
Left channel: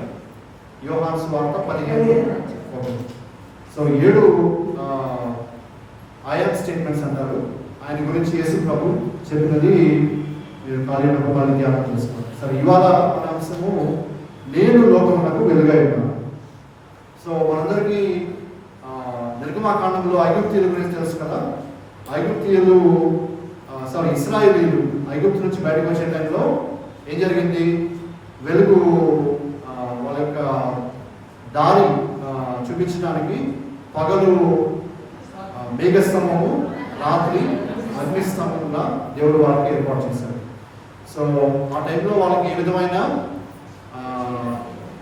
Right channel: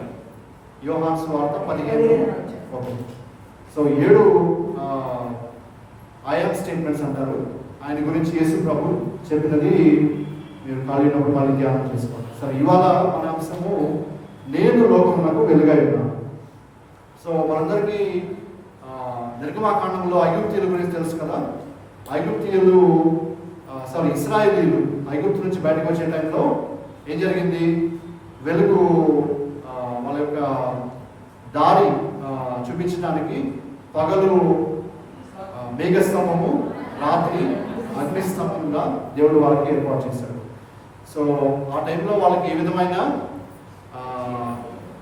యోహాను సువార్త 15:1. సో 7 ఐఎమ్ స్టేట్మెంట్స్ అంటారు. ఆయన గురించి యేసు ప్రభు చెప్పినది మీరు ఖాళీ ఉన్నప్పుడు మళ్ళీ ధ్యానం చేసుకోండి. సరే, ఇవాళ మన అంశము నేను లోకమునకు వెలుగై ఉన్నాను. సో మనందరికీ నిర్గమాకాండంలో ఐగుప్తీయుల గురించి తెలుసు కదా. ఇశ్రాయేలీయులు ఐగుప్తు నుంచి బయటకు వచ్చే టైంలో ఏం జరిగింది? వెలుగు వాళ్ళ యొక్క దారి చూపించడానికి పగలు మేఘస్తంభము, రాత్రి అగ్నిస్తంభంగా దేవుడు వారికి ఏర్పాటు చేశాడు. సో ఆ టైంలో వాళ్ళకి ఏ విధమైన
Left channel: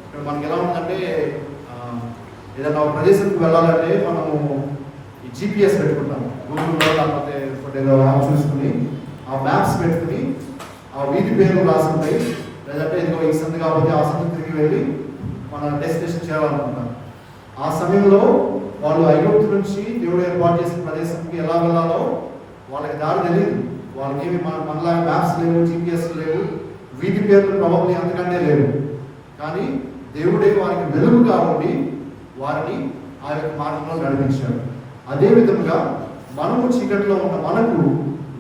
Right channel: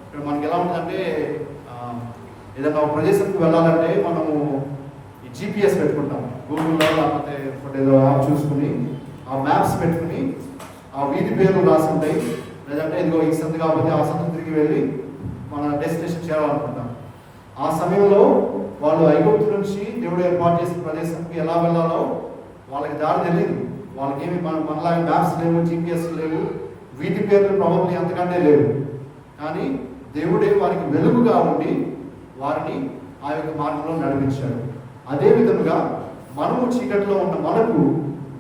ఇక్కడ మనకి ఎలా ఉందంటే, ఏదైనా ఒక ప్రదేశానికి వెళ్ళాలంటే మనము ఈ GPS పెట్టుకుంటాం, గూగుల్లో లేకపోతే ఏదో యాప్ చూసుకుని ఆ మ్యాప్స్ పెట్టుకుని ఆ వీధి పేర్లు రాసి ఉంటాయి, లేదంటే ఇదిగో ఈ సంత కాకపోతే ఆ సంత తిరిగి వెళ్ళి మన డెస్టినేషన్ చేయాలనుకుంటాం. ఆ సమయంలో వాళ్ళు ఐగుప్తు నుంచి దేవుడు ఏర్పాటు చేసిన ప్రదేశానికి ఎలా వెళ్ళాలో వాళ్ళకి దారి తెలియదు. వాళ్ళకి ఏమి మనలాగా మ్యాప్స్ లేవు, GPS లేవు, వీధి పేర్లు ప్రాబబ్లీ అంతకంటే లేవు. కానీ దేవుడే వారికి వెలుగుగా ఉండి వారిని ఆ యొక్క మార్గంలో నడిపించాడు. అదే విధంగా మనము చీకటిలో ఉన్న మనకు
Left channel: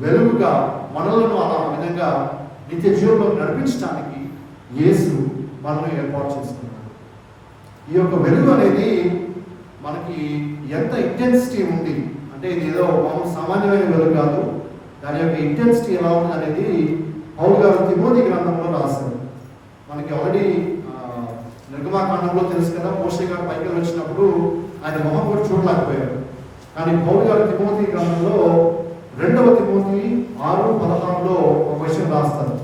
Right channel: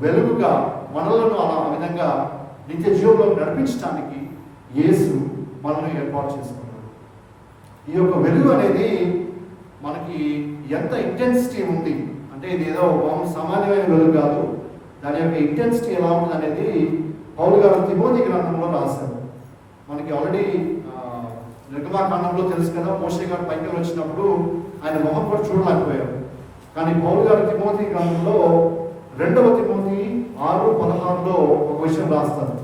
వెలుగుగా మనలను అలా విధంగా నిత్య జీవంలో నడిపించడానికి యేసు మనల్ని ఏర్పాటు చేసుకున్నాడు. ఈ యొక్క వెలుగు అనేది మనకి ఎంత ఇంటెన్సిటీ ఉంది అంటే, ఇది ఏదో సామాన్యమైన వెలుగు కాదు, దాని యొక్క ఇంటెన్సిటీ ఎలా ఉంది అనేది పౌలు గారు తిమోతి గ్రంథంలో రాశారు. మనకి ఆల్రెడీ నిర్గమాకాండంలో తెలుసు కదా, మోషే గారు పైకి వచ్చినప్పుడు ఆయన మొహం కూడా చూడలేకపోయారు. కానీ పౌలు గారు తిమోతి గ్రంథంలో 2వ తిమోతి 6:16లో ఒక విషయం రాస్తారు.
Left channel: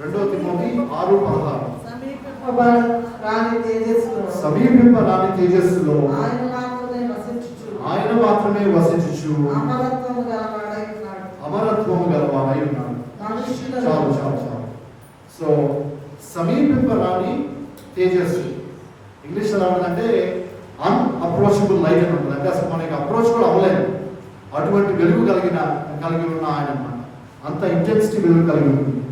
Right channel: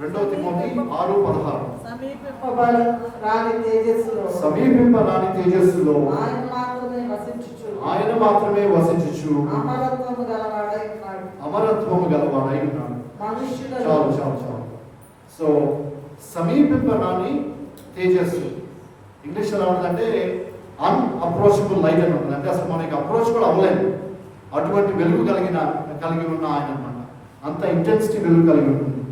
2వ తిమోతి 6:16 సమీపింపరాని తేజస్సులో ఆయన మాత్రమే వసించుచు అమరత్వము గలవాడై ఉన్నాడు. చాలు. సో సమీపింపరాని తేజస్సు ఇంగ్లీష్ ఎలా ఉంటుందంటే అన్అప్రోచబుల్ లైట్ అని ఉంటుంది. అంటే అసలు మనకి అప్రోచ్ కూడా అవ్వలేదు, అటువంటి వెలుగు కలిగి ఉన్న ఆయన అన్నమాట. అంత ఇంటెన్సిటీ వెలుగు కలిగి ఉంటుంది.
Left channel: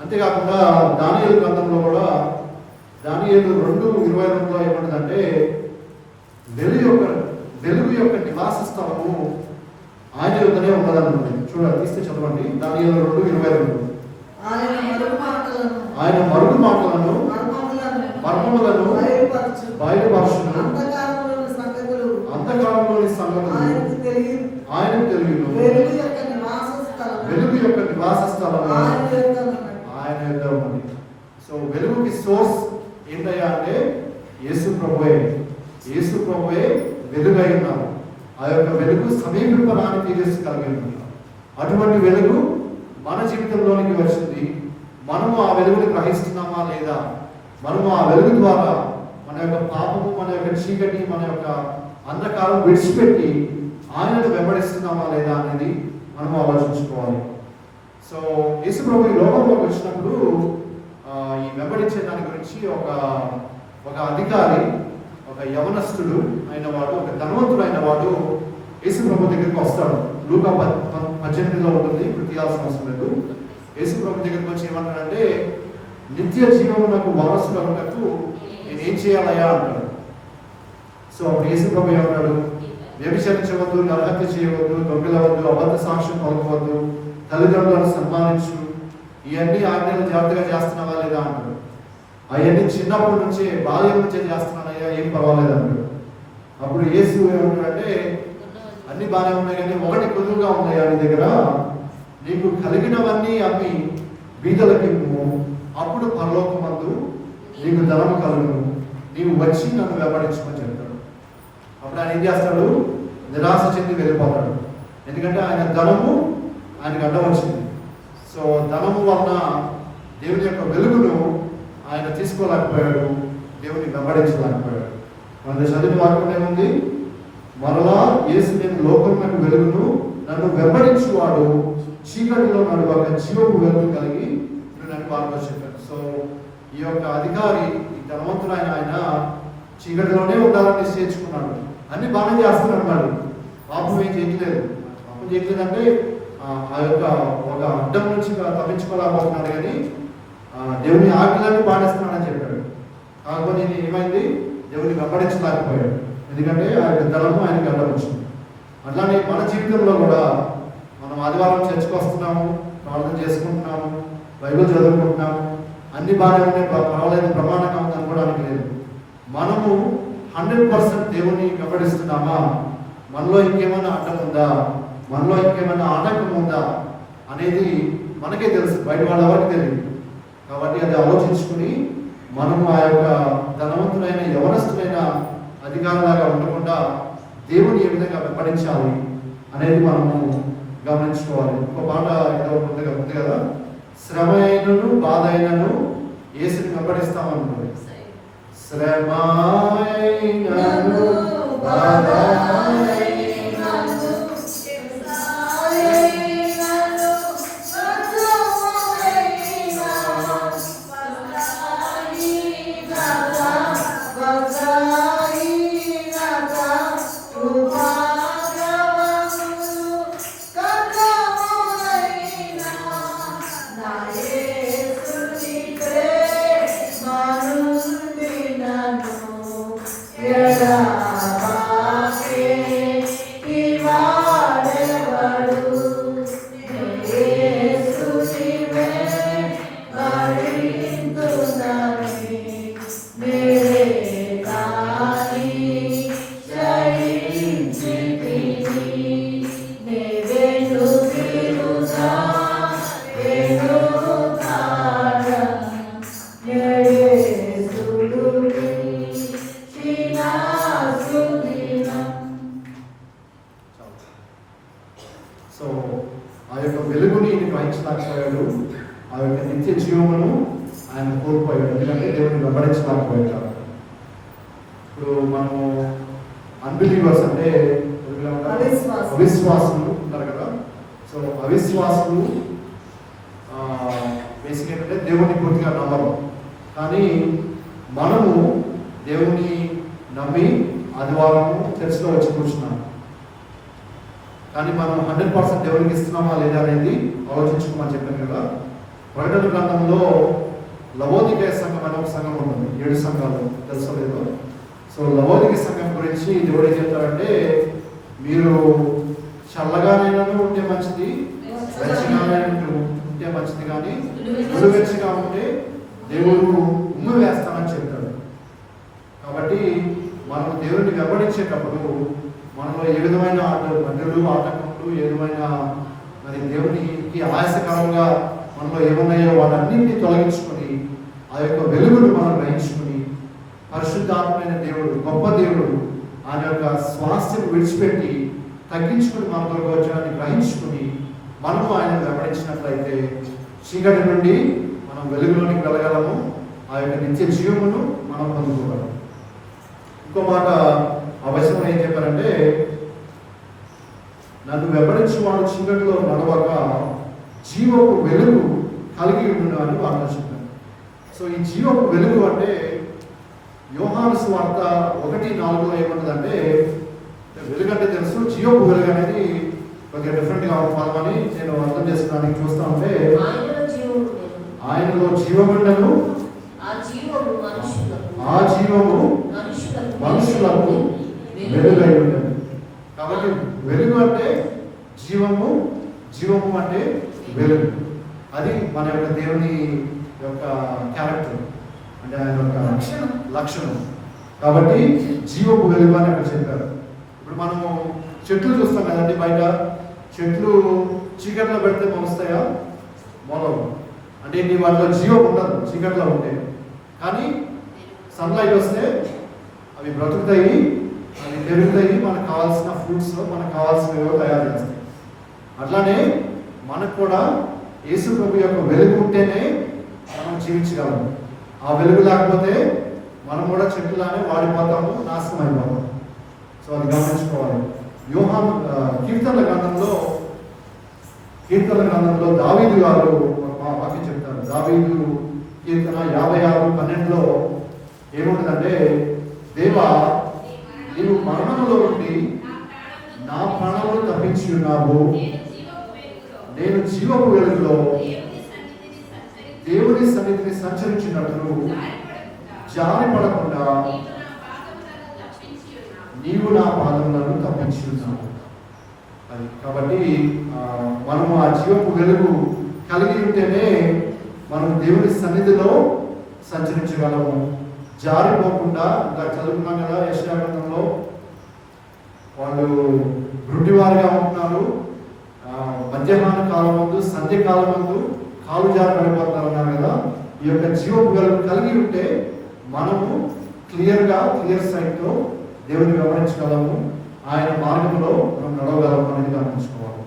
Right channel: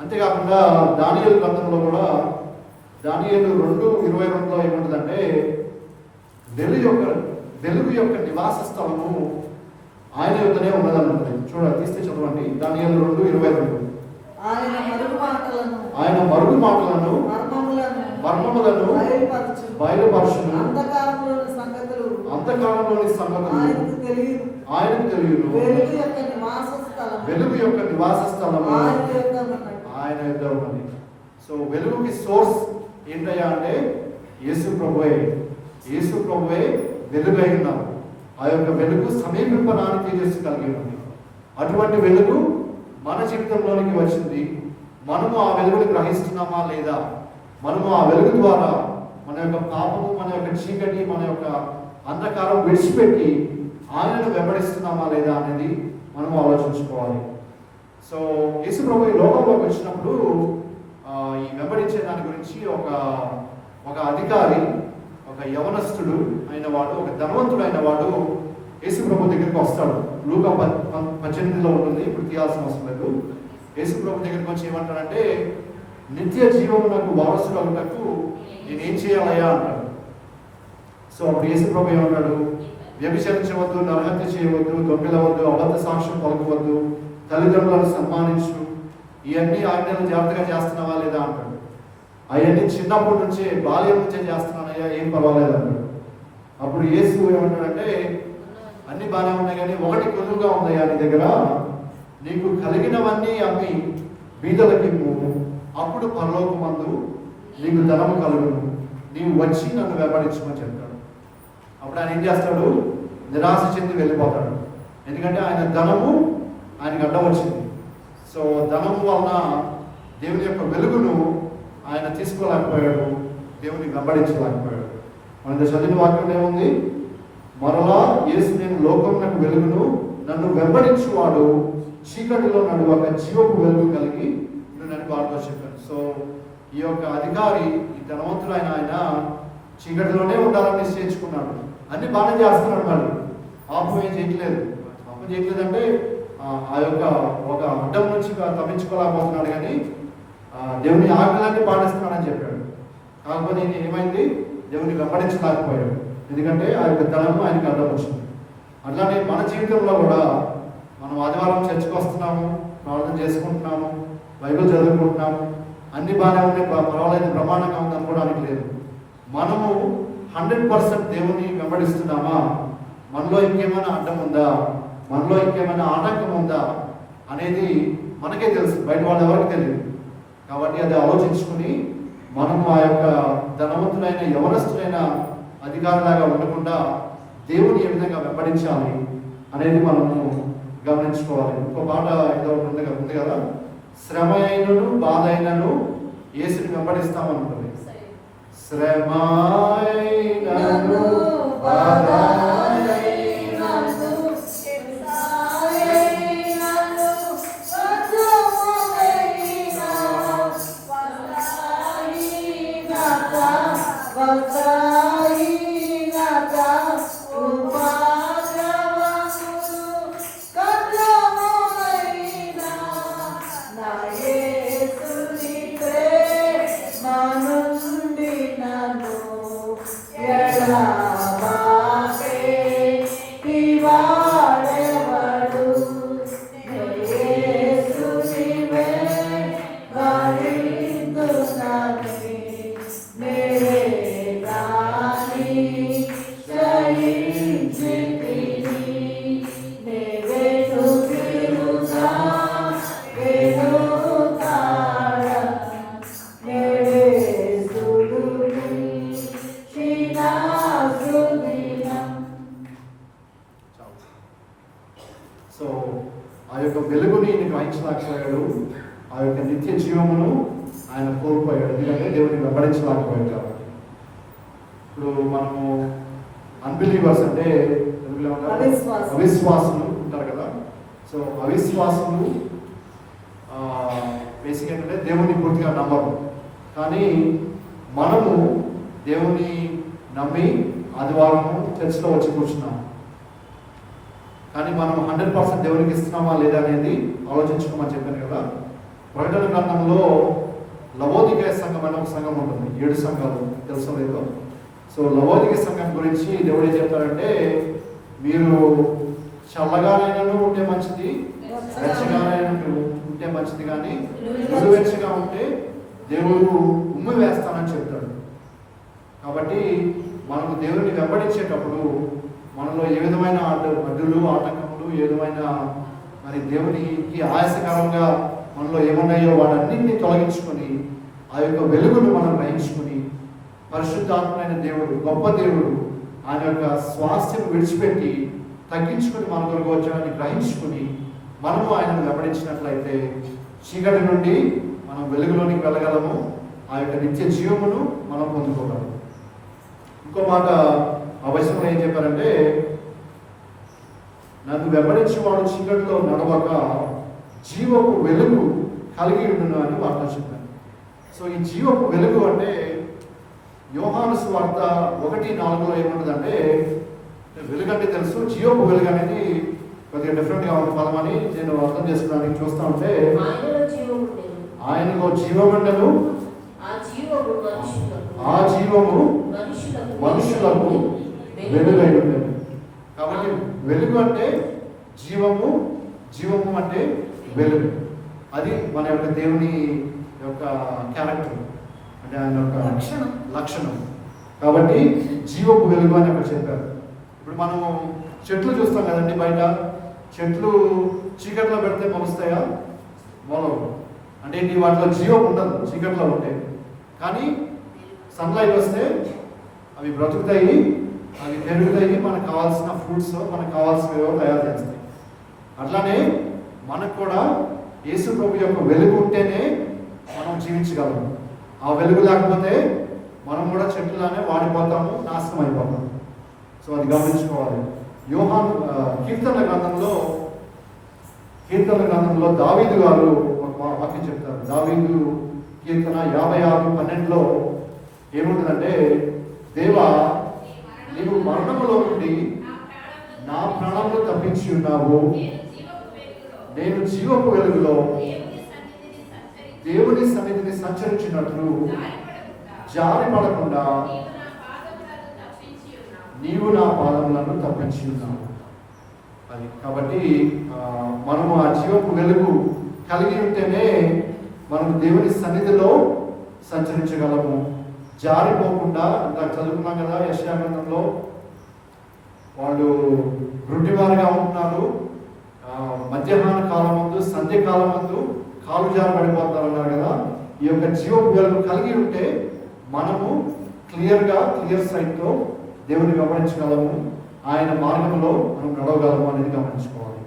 అంతేకాకుండా దానియేలు గ్రంథంలో కూడా దానియేలు 2:22లో ఏముంటుందంటే, వెలుగు యొక్క నివాస స్థలము ఆయన యొద్దనే ఉన్నదని ఉంటుంది. చూడండి, తీస్తే చదవండి. దానియేలు 2:22 ఆయన మరుగు మాటలను మర్మములను బయలుపరచును, అంతకాలంలోని సంగతులు ఆయనకు తెలియదు. వెలుగు యొక్క నివాస స్థలము ఆయన యొద్ద ఉన్నది. సో వెలుగుకి సోర్స్ ఏంటయ్యా అంటే యేసు ప్రభువే. యేసు ప్రభువే వెలుగై ఉన్నారు. ఆ యొక్క వెలుగు సమీపింపరాని తేజస్సు కలిగి ఉంది. అటువంటి వెలుగు మన జీవితంలోనికి వచ్చింది. మనము ఆ వెలుగుని గ్రహిస్తున్నామా లేదా? మనము ఆ వెలుగు ద్వారా మన యొక్క పాపము, మన యొక్క చీకటి, మన యొక్క అంధకారం విడిచిపెట్టి ఆయనను వెంబడిస్తున్నామా లేదా అనేది మనము ఆలోచించుకోవాలి. సో యేసు ప్రభు ఈ లోకంలోకి వచ్చినప్పుడు ఈ వెంబడించే దాని గురించి ఒక అధికారి, ఒక యవనస్తుడు అయిన వాడు, ఒక ధనవంతుడు అయిన వాడు యేసు ప్రభు దగ్గరికి వస్తాడు. లూకా 18లో ఉంటుంది, ఇప్పుడు తీయాల్సిన అవసరం లేదు. యేసు ప్రభు దగ్గరికి వచ్చి ఏమంటాడంటే, నిత్య జీవమునకు వారసుడు అన్నట్టు నేనేం చేయాలయ్యా అంటాడు. సో అప్పుడు యేసు ప్రభు ఏమన్నాడు? వ్యభిచరించవద్దు, నరహత్య చేయవద్దు, దొంగలవద్దు, అబద్ధ సాక్ష్యం పలకవద్దు, తల్లిదండ్రులను సన్మానించు, ఇవన్నీ ఆజ్ఞలు జాగ్రత్తగా చేస్తున్నావా లేదా అంటాడు. అవన్నీ చిన్నప్పటి నుంచే, బాల్యం నుంచే చేస్తున్నానయ్యా, ఏం పర్వాలేదు అంటాడు. అప్పుడు యేసు ఏమంటాడంటే, అన్ని బాగానే ఉన్నాయి కానీ ఒకటి కొద్దుగా ఉందయ్యా నీ దగ్గర, నీకు కలిగినవన్నీ అమ్మి బీదలకి ఇవ్వు, అప్పుడు పరలోకమందు నీకు ధనము కలుగును, నీవు వచ్చి నన్ను వెంబడించమని చెప్తాడు. అప్పుడు ఆయన ఏం చేస్తాడు? నిరాశ చెంది వెళ్ళిపోతాడు. ఎందుకంటే ఆయన ధనము ఆయనకు అడ్డం వచ్చింది. సో ధనము వలన దేవుని యొక్క వెలుగును ఆయన తీసుకోలేకపోయాడు, దేవుని వెంబడించలేకపోయాడు. మన చదివిన వాక్యం ఏముంది? మరలా యేసు నేను లోకమునకు వెలుగును, నన్ను వెంబడించువాడు చీకటిలో నడువక జీవపు వెలుగు కలిగి నన్ను పాల్గొ చెప్పాడు. సో ఈ యొక్క అధికారి, ఈ ధనవంతుడు ఆయన చీకటిలోనే ఉండాలని నిశ్చయించుకున్నాడు. అన్ని బాగానే చేస్తున్నాడు, మరి పాపం ఏం చేయట్లేదు. పాపం చేయట్లేదంటే ఆ యొక్క ఒక అడ్డం నుంచి తప్పించుకోలేకపోతున్నాడు, కానీ దేవుని ఆజ్ఞలన్నీ పాటిస్తున్నాడని చెప్పాడు. కాకపోతే ఈయన ఏమైంది? దేవుని వెంబడించలేకపోయాడు, ఎందుకంటే ఆ యొక్క ధనము ఆయనకి అడ్డం వచ్చింది. అట్లానే మన జీవితంలో కూడా మనం ఆదివారం చర్చకు వస్తున్నాము, ప్రార్థన చేసుకుంటున్నాము, బైబిల్ చదువుకుంటున్నాము, అన్ని బాగానే ఉన్నాయి, పర్వాలేదు, ప్రమాణంగా ఉంది అనుకోవడానికి లేదు. మనము 100% దేవుని వెంబడిస్తున్నామా? మనలో ఇంకేమైనా అడ్డం ఉందా? మనలో ఇంకేమైనా ఆటంకం ఉందా అనేది మనకే తెలుసు, బయట వాళ్ళ ఎవరికి తెలియదు. కాబట్టి అది ఆలోచించుకుని మనము ఆ యొక్క ధనవంతులైన యవనస్తులైన అధికారులాగా ఉండకుండా దేవుని ఏ విధంగా వెంబడించాలి అనేది మనము గమనించుకోవాలి. ఇంకో పాట ఏదో ఉంది కదా, శ్రమ అయినను బాధ అయినను యేసుని వెంబడిస్తామనుకుంది. శ్రమ అయినను బాధ సో ఆ యొక్క వెలుగుని ఈయన గ్రహించలేకపోయాడు, ఆ యొక్క నిత్య జీవమును ఆయన కోల్పోయాడు, ఎందుకంటే దేవుని వెంబడించలేకపోయాడు. ఇప్పుడు మనము అన్బిలీవర్స్ అంటే అవిశ్వాసులు ఉంటారు కదా. సో అవిశ్వాసులు బేసిక్ ఏంటంటే దేవుణ్ణి పూర్తిగా నమ్మరు. కానీ మనము దేవుణ్ణి నమ్మి ఆదివారం చర్చిలో వచ్చి కూర్చున్నాము, కానీ మనం 100% దేవునికి ఇస్తున్నామా లేదా అనేది ఆలోచించుకోమని చెప్పాను కదా. ప్రకటన గ్రంథంలో లవోదికేయ సంఘం అనే ఒక సంఘం ఉంటుంది, 7 సంఘాలు, తెలుసో లేదో. సో లవోదికేయ సంఘం గురించి దేవుడు ఏం చెప్తారంటే, మీరు చల్లగానైనా ఉంటే మంచిది, వెచ్చగానైనా ఉంటే మంచిది, కానీ వెచ్చగా ఉంటే దేవుడు ఉమ్మి వేస్తానని చెప్తాడు. కాబట్టి మనకు దేవుడిని వెంబడించేటప్పుడు మనలో ఏ విధమైన అడ్డులు ఆటంకములు, ఏ విధమైన మరి దేవునికి ఆయాసకరంగా మనలో ఏమున్నాయో వాటన్నింటినీ తొలగించుకొని ఆ యొక్క వెలుగును మనం గ్రహించుకుని పరిశుద్ధాత్మైన దేవుడు, గొప్ప దేవుడు ఆయన యొక్క స్వాస్థ్యం విడిచిపెట్టి తగ్గించుకుని మన కొరకు వచ్చాడని గ్రహించుకుని మనము ఆయనను వెంబడించినట్లయితే చీకటి నుండి మనం వెలుగులోనికి వెళ్ళగలము. ఆ యొక్క నిత్య జీవమును మనం పొందుకోగలము. ఇంకో మాట అవసరం ఏం చెప్పారంటే, నన్ను వెంబడించేవాడు చీకటిలో నడవక జీవపు వెలుగు కలిగి ఉండును అని వార్త చెప్పారు. సో ఈ జీవపు వెలుగు అంటే యోహాను సువార్త 1:4 ఏముంటుందంటే, వెలుగు అంటే తెలుసు, జీవపు వెలుగు అనేది కొద్దిగా డిఫరెంట్గా ఉంది పదమని నేను అర్థం చేసుకోవడానికి చూస్తా ఉంటే, ఆయనలో జీవముండెను, ఆ జీవము మనుషులకు వెలుగై ఉండేది. కాబట్టి వెలుగు అంటే జీవము, జీవము అంటే వెలుగు. అది మన యొక్క దేవుని యొక్క క్యారెక్టర్, అంటే ఆయన యొక్క లక్షణం. కాబట్టి జీవపు వెలుగు అని అక్కడ చెప్పారు. ఇప్పుడు మనము చెట్లు చూస్తాం కదండి, బయట చెట్లు చీకట్లో పెడితే మొలుస్తాయా? మొలవు. అంటే నీ వాటిలో జీవం ఉండదు చీకట్లో ఉంటే. కానీ సన్లైట్ వస్తే అవి బ్రతుకుతాయి, అవి పెరుగుతాయి, మనకు కావాల్సిన ఫ్రూట్స్, మనకు కావాల్సినవి తయారు చేస్తాయి. అట్లానే మనకు కూడా యేసు ప్రభు యొక్క వెలుగు ఉంటేనే మనం జీవించగలము. ఆ వెలుగు లేకపోతే మనం కూడా చెట్లులానే వాడిపోతాము, నాశనం అయిపోతాము. సో అది గమనించుకోవాలి. యోహాను కీర్తనల గ్రంథంలో దావీదు గారు ఒక వాక్యం చెప్తారు. దావీదు కీర్తన 56:12 ఏముంటుందంటే, దేవా నీవు మరణంలో నుండి నా ప్రాణములు తప్పించి ఉన్నావు, నేను జీవపు వెలుగులో దేవుని సన్నిధిని సంచరించినట్లు జారిపడకుండా నీవు నా పాదములను తప్పించి ఉన్నావు. అది కాబట్టి మనము ఆ జీవపు వెలుగు కలిగి ఉంటేనే మనం దేవుని సన్నిధిలో సంచరించగలము, జారిపోకుండా. ఇంకా చదువుకున్నాం కదా యెషయా గ్రంథంలో, వాళ్ళు గుడ్డివారుగా ఉంటున్నారు, మధ్యాహ్న కాలం ముందు, సంధ్యకాలం ముందు కాలు జారి పడిపోతున్నారు అన్నారు కదా. ఈ యొక్క జీవపు వెలుగు కలిగి ఉంటే మనము క్లియర్ సైట్తో దేవుని వెంబడించగలము, ఆయన మార్గంలో మనం నడవగలము అనేది గమనించుకోవాలి.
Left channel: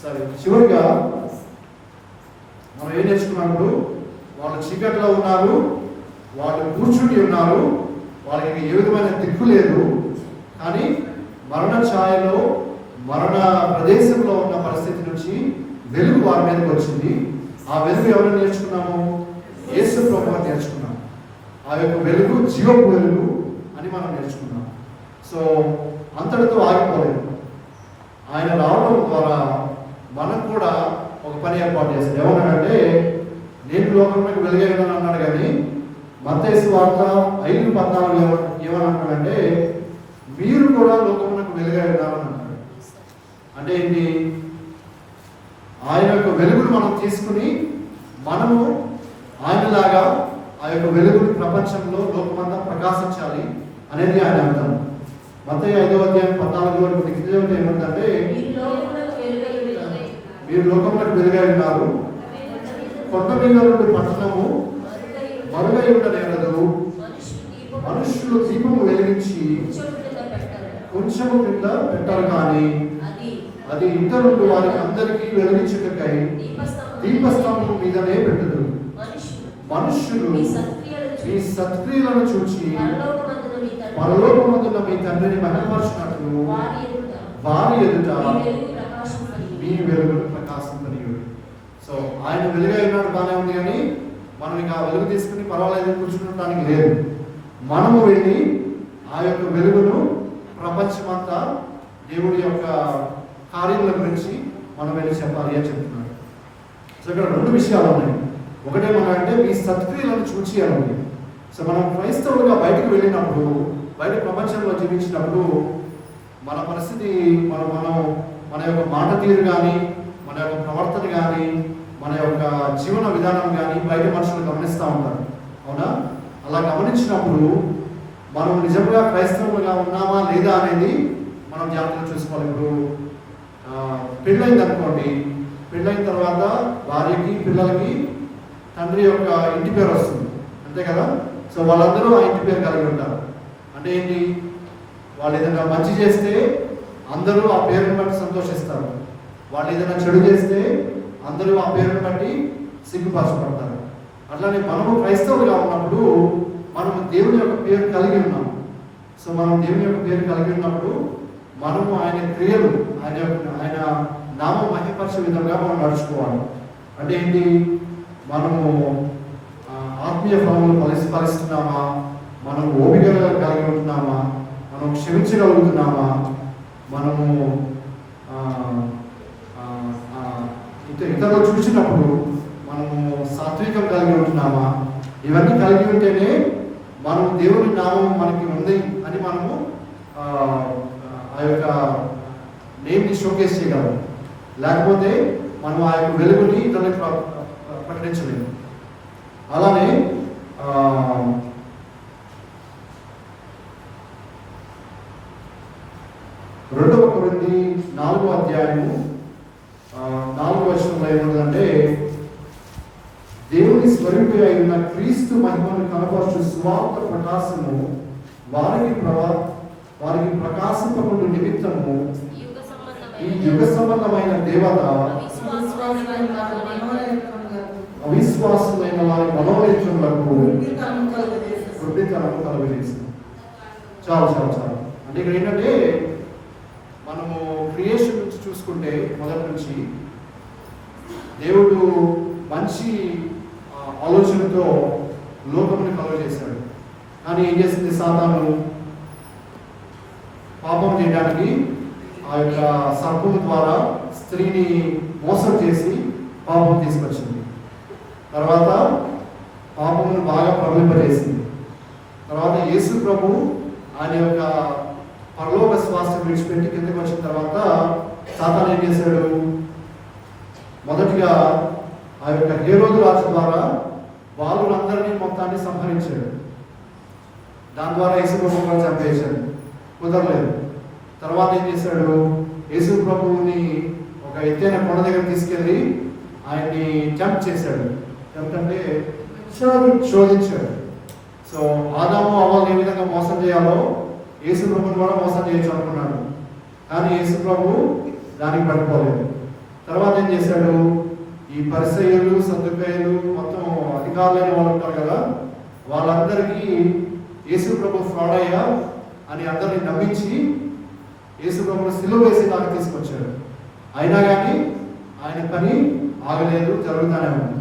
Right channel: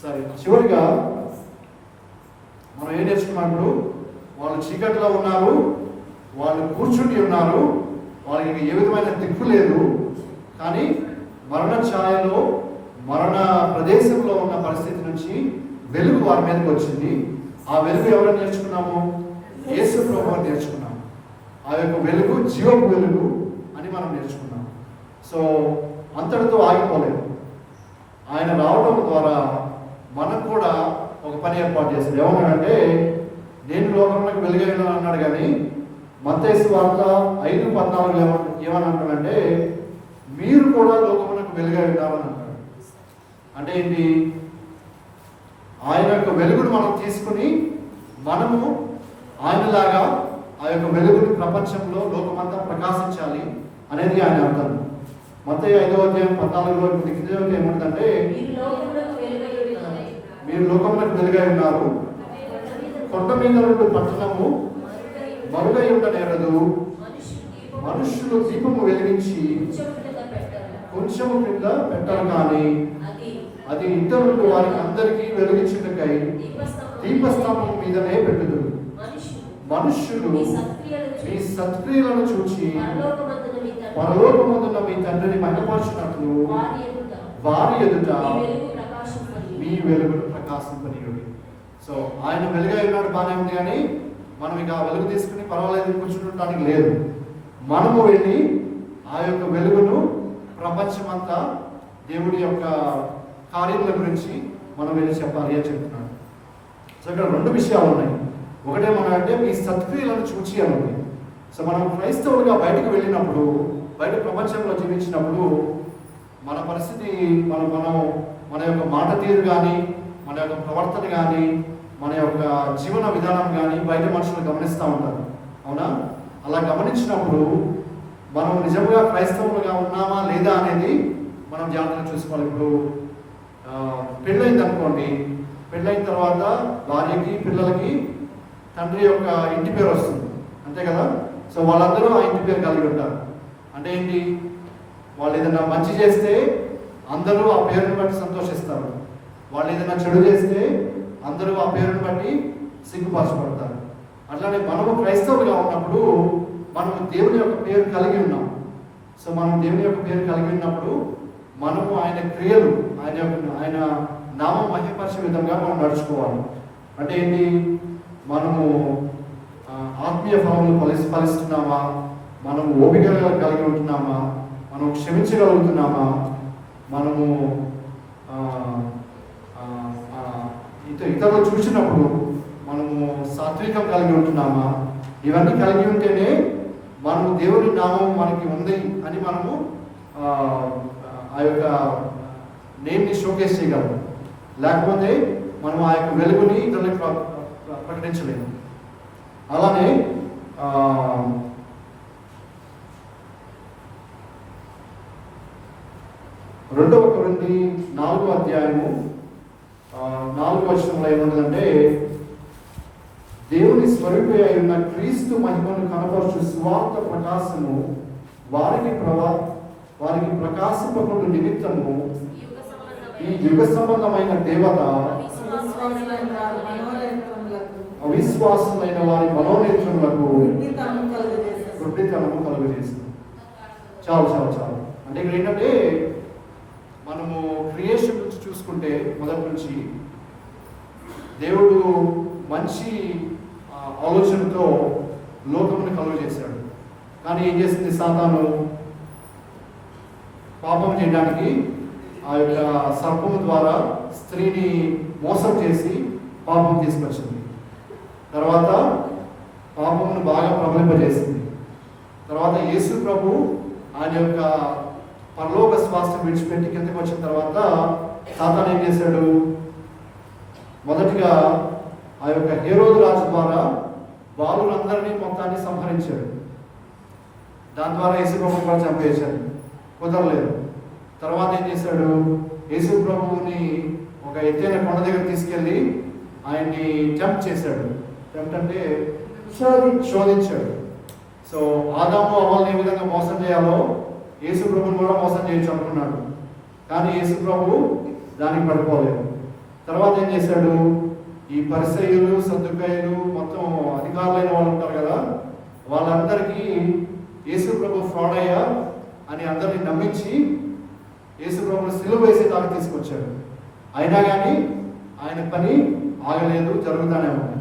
సరే, చివరిగా మనం ఏం నేర్చుకున్నప్పుడు, వాళ్ళు చీకట్లో ఉన్నారు, వాళ్ళు కూర్చుని ఉన్నారు, వాళ్ళకి ఏ విధమైన దిక్కు లేదు. కానీ మరణ ఛాయలో, మరణ ప్రదేశంలో ఉన్న పరిస్థితి నుంచి వెలుగు వారి మీదకి వచ్చింది. ఆ వెలుగు ఎవరు నేర్చుకున్నాము? యేసు ప్రభువు నేర్చుకున్నాము. ఆ యొక్క వెలుగు జీవపు వెలుగు అని మనం నేర్చుకున్నాం. సో అంతటితో ఆగిపోలేదు. ఆయన రావడం ద్వారా మనం కూడా ఒక పని ఏర్పాటు చేశాడు. ఏమన్నాడంటే, నేను లోకంలోకి వెలుగైనా అన్నాడు. కానీ మత్తయి సువార్త 5:14 ఏమని అంటాడంటే, మీరు కూడా లోకమునకు వెలుగై ఉన్నారని అంటాడు. అంటే ఏంటి? ఆయన యొక్క వెలుగును మనం తీసుకుని మనము ఆయనలాగా ఆ యొక్క వెలుగుని ప్రపంచంలో లోకమంతా ప్రకాశించాలి అనేది ఆయన అర్థం. మత్తయి 5:14 ఏమంటే, మీరు లోకమునకు వెలుగై ఉన్నారు, కొండ మీద నుండి పట్టణము మరుగై ఉండనేరదు, మనుషులు దీపము వెలిగించి కొంచెము కింద పెట్టరు, కానీ అది ఇతరులు వారికి అందరికీ వెలిగించుటకై దీపస్తంభం మీదనే పెట్టుదు. మనుషులు మీ సత్క్రియలను చూచి పరలోకమందున్న మీ తండ్రిని మహిమపరచినట్లు వారి ఎదుట మీ వెలుగును ప్రకాశింపనీయుడు. సో ఆయన వెలుగై ఉన్నాడు, బాగానే ఉంది. కానీ మనం ఇక వెలుగు తీసుకుని పర్వాలేదు కూర్చుండటానికి లేదు. మనము వెళ్ళి ఆ యొక్క వెలుగును ప్రపంచమంతా దేవుడి యొక్క కార్యముల గురించి మనం వెళ్ళి చెప్పాలి అని చెప్తున్నాడు. సో ఇక్కడ 2 విషయాలు ఉన్నాయి. ఒకటేమన్నా మీ సత్క్రియలను చూచి అన్నది. సో మనం క్రైస్తవులుగా బయటకు వెళ్ళినప్పుడు, బయట ప్రపంచంలో జీవించినప్పుడు మన పరిస్థితి, మన యొక్క మాట తీరు కానీ, మన యొక్క ప్రవర్తన కానీ, మన యొక్క జీవన విధానం కానీ బయట మనుషులు గమనిస్తూ ఉంటారు. అవునా? అలా గమనించినప్పుడు మనం నిజంగా క్రైస్తవులుగా ఉన్నామా లేదా అనేది మనం జాగ్రత్తగా చూసుకోవాలి. ఇప్పుడు పెళ్ళైంది అనుకోండి, పెళ్ళైన తర్వాత భార్యకి, పిల్లలకి తండ్రి యొక్క ఇంటి పేరు వస్తుంది, అంతే కదా? సో సో వాళ్ళందరూ ఆ ఇంటి పేరు కలిగి ఉంటారు. అంటే ఏంటి, వాళ్ళు ఏదైనా మంచి చేస్తే అందరూ ఆ పేరుని బట్టి సంతోషిస్తారు. వాళ్ళు ఏదైనా చెడు చేస్తే అందరూ ఆ పేరుని బట్టి సిగ్గుపరచబడతారు. అట్లానే మనము క్రైస్తవులుగా ఉన్నప్పుడు మనము దేవుని యొక్క పేరు కలిగి ఉన్నాం. సో మనం దేవుని యొక్క పేరు కలిగి ఉన్నప్పుడు మనము ఆయన క్రియలు, ఆయన నామం మహిమపరిచే విధంగా మనం నడుచుకోవాలి. అంటే ఏంటి, మనము ఆత్మీయ ఫలములు ఫలిస్తున్నామా, మనం ఓపిక కలిగి ఉంటున్నామా, మనం క్షమించగలుగుతున్నామా, మనము ఇతరులు చూసినప్పుడు మనము సాత్వికం కలిగి ఉంటున్నామా, ఇవన్నీ కలిగి ఉంటేనే మనము దేవుని నామం మనకి ఉంది అని మనము ఆ యొక్క నేమ్ని షోకేస్ చేయగలము. లేకపోతే మనం ఆ యొక్క వెలుగుని ఇతరులకు ప్రకటించలేము. అలానే 2 కొరింథీ 4వ అధ్యాయము 4వ వచనంలో ఏముంటుందంటే, దేవుని స్వరూపి అయిన క్రీస్తు మహిమను కనపరచు సువార్త ప్రకాశము వారికి ప్రకాశింపకుండా నిమిత్తము ఈ యుగ సంబంధమైన దేవత అవిశ్వాసమైన వారి మనోనేత్రములకు గుడ్డితనము కలుగజేసింది. చాలు చాలు చాలు. అంటే ఇక్కడ ఏంటంటే, మనము క్రియేషన్ నుంచి చూసుకుంటే మొదటి నుంచి దేవుడు మంచి ఆలోచనతో లోకముని కలుగజేశాడు. కానీ ఏం చేసింది సాతాను? పాపం చేయడానికి ఆ యొక్క సర్పము ద్వారా స్త్రీని మోసం చేసి పాపం తీసుకొచ్చింది. తర్వాత పాపమును బాగా ప్రబలింపజేసింది. తర్వాత యేసు ప్రభు ఆయన యొక్క పరలోక శ్వాస విడిచిపెట్టి కిందకి వచ్చిన తర్వాత సాతాను ఏం చేశాడు? మొదటిగా ఆ యొక్క హేరోదు రాజు ద్వారా బాలురందరినీ మొత్తాన్ని సంహరించాడు. దాని ద్వారా యేసు ప్రభువుని చంపేశాడు. కుదరలేదు. తర్వాత ఏం చేశాడు? యేసు ప్రభువుని ఒక ఎత్తైన కొండ దగ్గర తీసుకెళ్ళి ఆయన్ని టెంప్ట్ చేశాడు. టెంప్ట్ అంటే శోధించాడు. సో ఆదాము అవ్వల్ని ఏ విధంగా మోసం చేయాలో యేసు ప్రభువుని కూడా మోసం చేయొచ్చు అనుకున్నాడు. కానీ యేసు ప్రభువు దానికి పడిపోలేదు. తర్వాత ఏం చేశాడు? ఈ పరిసయ్యులు, సద్దుకాయలు, మొత్తం అధికారులైన వాళ్ళు ఉంటారు కదా, వాళ్ళందరికీ యేసు ప్రభు ఫ్రాడ్ అయ్యా అని అందరినీ నమ్మించి యేసు ప్రభువును సిలువ వేసి నాకు తీసుకొచ్చాడు. అయినా కానీ ఆయన పని ఆగలేదు, జరుగుతానే ఉంది.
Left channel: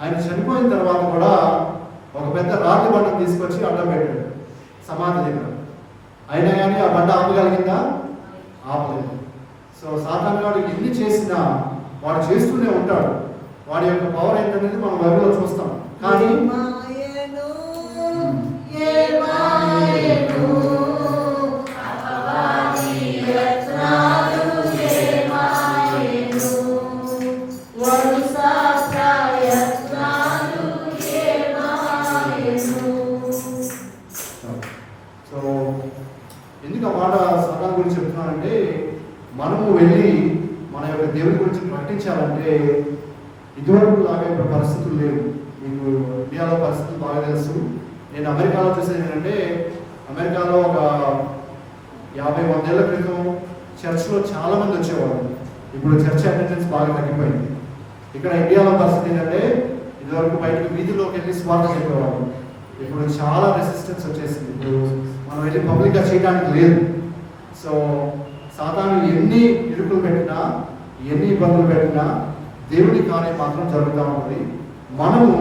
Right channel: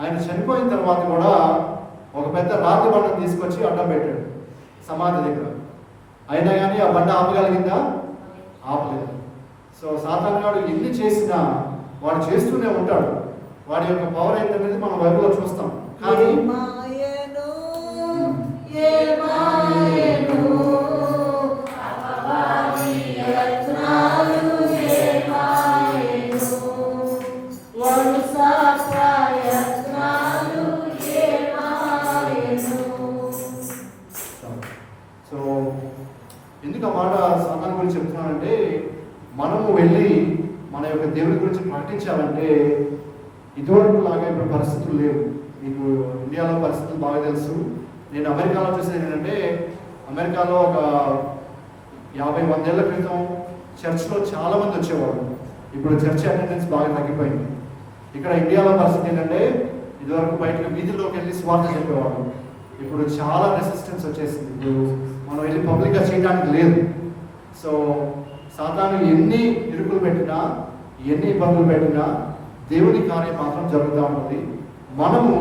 ఆయన చనిపోయిన తర్వాత కూడా ఒక పెద్ద రాతి బండను తీసుకొచ్చి అడ్డం పెట్టాడు సమాధి దగ్గర. అయినా కానీ ఆ బండ ఆపగలిగిందా? ఆపలేదు. సో సాతాను గాడు ఎన్ని చేసినా వాడు చేస్తూనే ఉంటాడు. వాడి యొక్క పవర్ ఏంటనేది మనం బైబిల్లో చూస్తాం. కానీ సో ఎందుకు ఆ మాట సాతాను గురించి చెప్తున్నానంటే, మనము వెళ్ళి మన యొక్క దేవుని గురించి ప్రకటించాలంటే ఇదివరకు లాగా ఇప్పుడు పరిస్థితులు లేవు. మీకు ఇండియాలో పరిస్థితులు బాగా తెలుసు. నేను అమెరికాలో చూసేది ఏంటంటే, అమెరికాలో ఒక 50-100 ఏళ్ల క్రితం చర్చ్లో చాలామంది వచ్చేవారు. ఇప్పుడు చర్చ్ అటెండెన్స్ బాగా తగ్గిపోయింది. ఇక్కడ ఇండియాలో పరిస్థితి ఏంటంటే, ఇదివరకు బయటకు వీధిలోకి వెళ్ళి స్వార్థ చెప్పేవారు. ఇప్పుడు చాలా రెసిస్టెన్స్ వచ్చేసింది. ఇప్పుడు మనం వెళ్ళి పబ్లిక్గా చేయడానికి లేదు. సో సాతాను ఎన్ని ఇరుకులు పెట్టినా, ఎన్ని ఇబ్బందులు పెట్టినా దేవుని కార్యం మాత్రం జరుగుతూ ఉంటుంది. మనము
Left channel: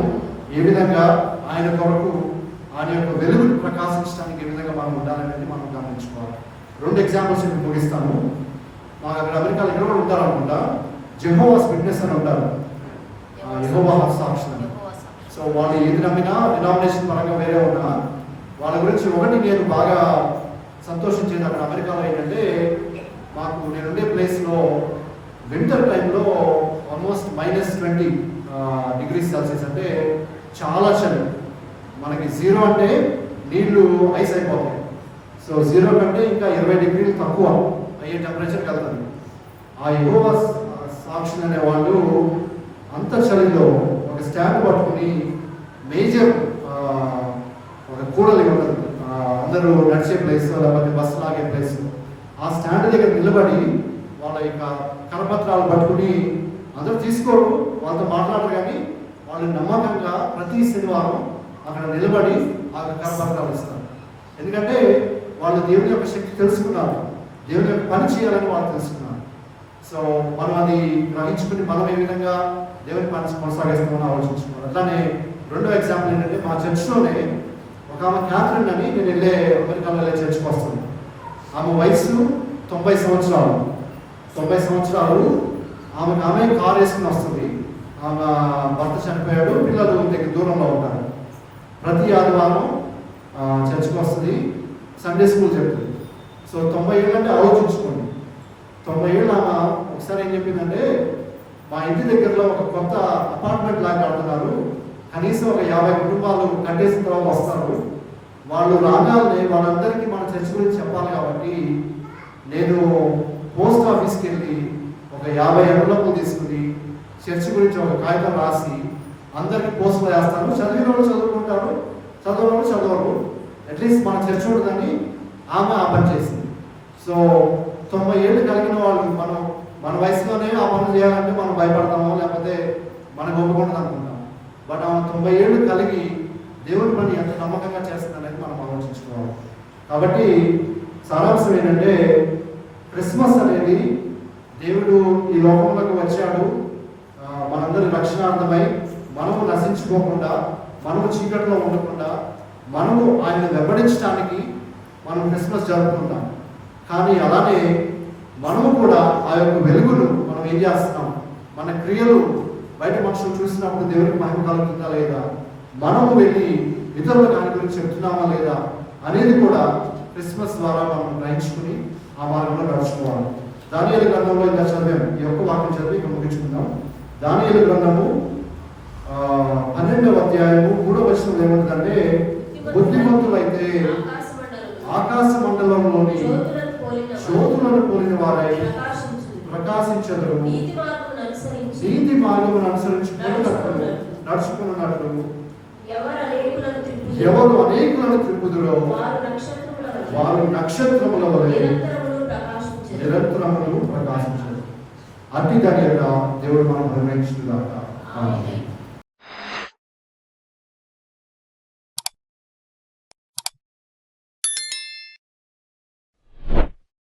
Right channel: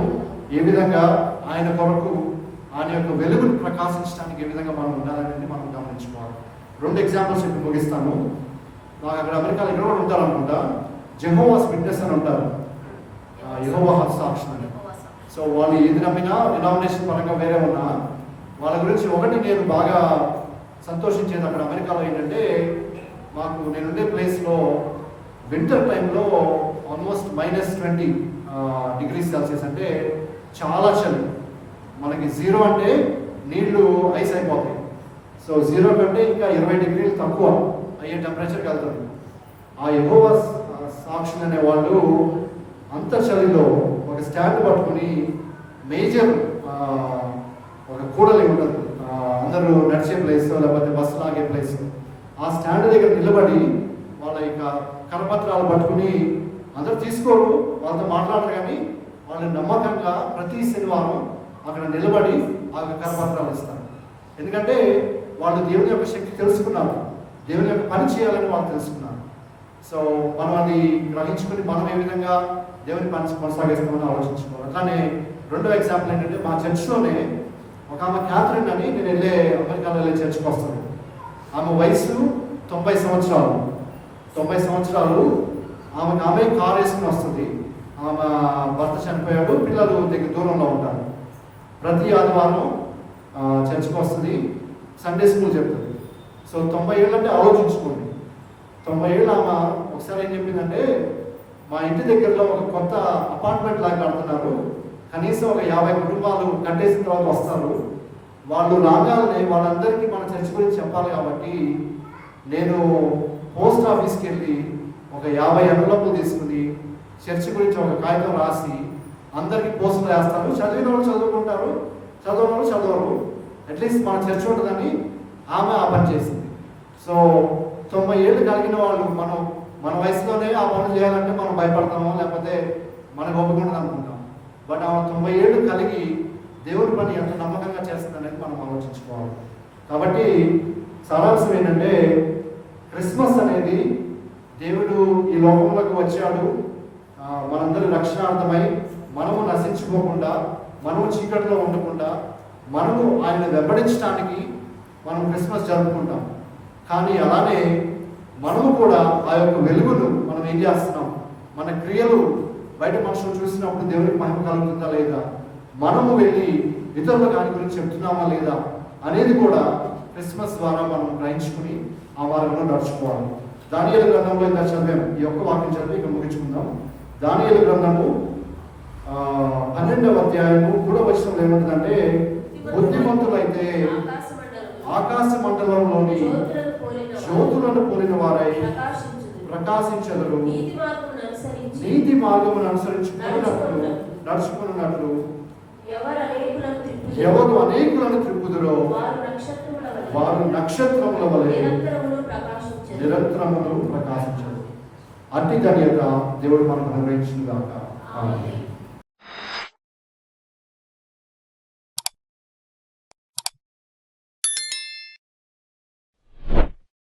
ఏ విధంగా ఆయన కొరకు ఆయన యొక్క వెలుగును ప్రకాశించడానికి ఏ విధంగా మనం ఉండాలనేది మనం గమనించుకోవాలి. 2 ఎగ్జాంపుల్స్ ఇప్పుడు ముగిస్తాను. నాకు అక్కడ అమెరికాలో ఇక్కడ కూడా ఉంటారు అనుకుంటా, జెహోవాస్ విట్నెస్ అని ఉంటారు, యెహోవా సాక్షులు అని. సో వాళ్ళు ఏది నమ్మినా, డినామినేషన్ పరంగా వేరే ఉన్నా, వాళ్ళ గురించి ఒకటి నేను బాగా సంతోషించేది అక్కడ అమెరికాలో ఏంటంటే, మాకు నేనుండే ప్లేస్లో వింటర్ టైంలో ఆల్మోస్ట్ -20 డిగ్రీస్ సెల్సియస్, అంటే చాలా చలి. మనకి 0 అంటే నీళ్లు ఐస్ అయిపోతాయి. సో 0 కంటే ఇంకా 20 డిగ్రీలు తక్కువ అయ్యే టెంపరేచర్కి వెళ్తుంది. ఆ యెహోవా సాక్షులు అనే వాళ్ళు అంత చలిలో ఒక స్టాండ్ పట్టుకుని మేజర్ ఒక కూడలి ఉండదు, అందరూ నడిచే ప్లేస్ లేకపోతే బస్సు లాగే ప్లేస్, ఆ స్టాండ్ దగ్గర నిలబడి వాళ్ళ యొక్క కరపత్రాలు పట్టుకుని అందరూ తీసుకోరు, వాళ్ళతో మాట్లాడరు, కానీ వాళ్ళు నమ్మకంగా ప్రతి శనివారం అక్కడ నిలబడి ఆ కరపత్రాలు ఇస్తారు. ఎందుకంటే వాళ్ళు దేవుని యొక్క శక్తి తెలుసుకున్నారు, దేవుని యొక్క పని చేయాలని వాళ్ళు తెలుసుకున్నారు. సో మనం అది గ్రహించుకుని మనం ఏ విధంగా దేవుని పని కొనసాగిస్తామని ఆలోచించుకున్నాం. అట్లానే రెండో ఎగ్జాంపుల్ ఏంటంటే, మా చర్చ్లోనే ఒక ఆమె క్యాథరిన్ అని, నేను అమెరికాలో వెళ్ళే చర్చ్కి వస్తుంది. ఆమె వయసు 90 సంవత్సరాలు. 90 సంవత్సరాలు ఆమె కారు వేసుకుని వస్తుంది. ఆమె భర్త చనిపోయాడు, పిల్లలు దగ్గర దూరంలో ఉంటారు. ప్రతి ఆదివారం చర్చ్కి వస్తుంది, సండే స్కూల్ చెప్తుంది. సో 90 ఏళ్ళు అంటే ఆలోచించుకోండి. 90 ఏళ్ళు ఆమె ఒకసారి ఏం చెప్పిందంటే, మా ఇంటి దగ్గరలో ఒక కొత్త అపార్ట్మెంట్ లాగా కడుతున్నారు, కనీసం ఒక 50 కుటుంబాలు కట్టేసిన తర్వాత వస్తారు, వాళ్ళు రాగానే వాళ్ళందరికీ మన చర్చ్ గురించి చెప్పాలి, కాబట్టి నేను పోస్ట్ ఆఫీస్కి వెళ్ళి ఒక 50 ఎంవలపులు తీసుకుని చర్చ్ గురించి ఒక కాగితం రాసి అందరికీ పోస్టులు వేస్తాను. చదివిన వాళ్ళు చదువుకుంటారు, చదవని వాళ్ళు చదవరు, అట్లీస్ట్ మన చర్చ్ ఉండదని ఆమె ఆ పని చేసింది. సో 90 ఏళ్ళు కలిగిన వాళ్ళు మన వయసులోనే ఆ పనులు చేయాలంటే మనం భయపడతామో లేకపోతే మనకు ఒప్పుకుంటుంది అనుకుంటాం. బట్ ఆమె 90 ఏళ్ళు కలిగి దేవుని పని ఎంత నమ్మకంగా చేస్తుందనేది మనం ఆలోచించుకోవాలి. కాబట్టి సారాంశం ఏంటంటే, క్రిస్మస్ అనేది దేవుడు ఈ లోకంలోకి వచ్చాడు, మనందరి రక్షణార్థమై మనము నశించుకోకుండా, మనము చీకట్లో ఉండకుండా, మనము ఆయన్ని వెంబడించడానికి మనం క్రిస్మస్ జరుపుకుంటాం. కానీ అలానే మనము కూడా ఆ యొక్క వెలుగును మనం ఏం చేస్తున్నాం, మన క్రియలు బయట మనుషులు చూసినప్పుడు దేవునికి మహిమ కలుగుతుందా లేదా, మనము వెళ్ళి ఇతరుల దాని గురించి చెప్తున్నామా లేదా అనేది కూడా క్రిస్మస్ ద్వారా మనం గ్రహించుకుని ఆ మార్గంలో నడుచుకోవాలి. దానియేలు గ్రంథంలో ఇంకా చదివాం, ఈ యొక్క వాక్యం చదివి ఇక ముగించుకుందాం. దానియేలు గ్రంథము 12వ అధ్యాయము 3వ వచనం ఏమంటుందంటే, బుద్ధిమంతులైతే ఆకాశ మండలంలోని జ్యోతులను పోలిన వారై ప్రకాశించెదరు, నీతి మార్గమును అనుసరించుకున్నట్లు నడుచుకున్నట్లు ఎవరు అనేకులను త్రిప్పుదురో వారు నక్షత్రముల వలె నిరంతరములు ప్రకాశించరు. అట్టి ధన్యత దేవుడు మనకు అనుగ్రహించుగాక. ఆమేన్.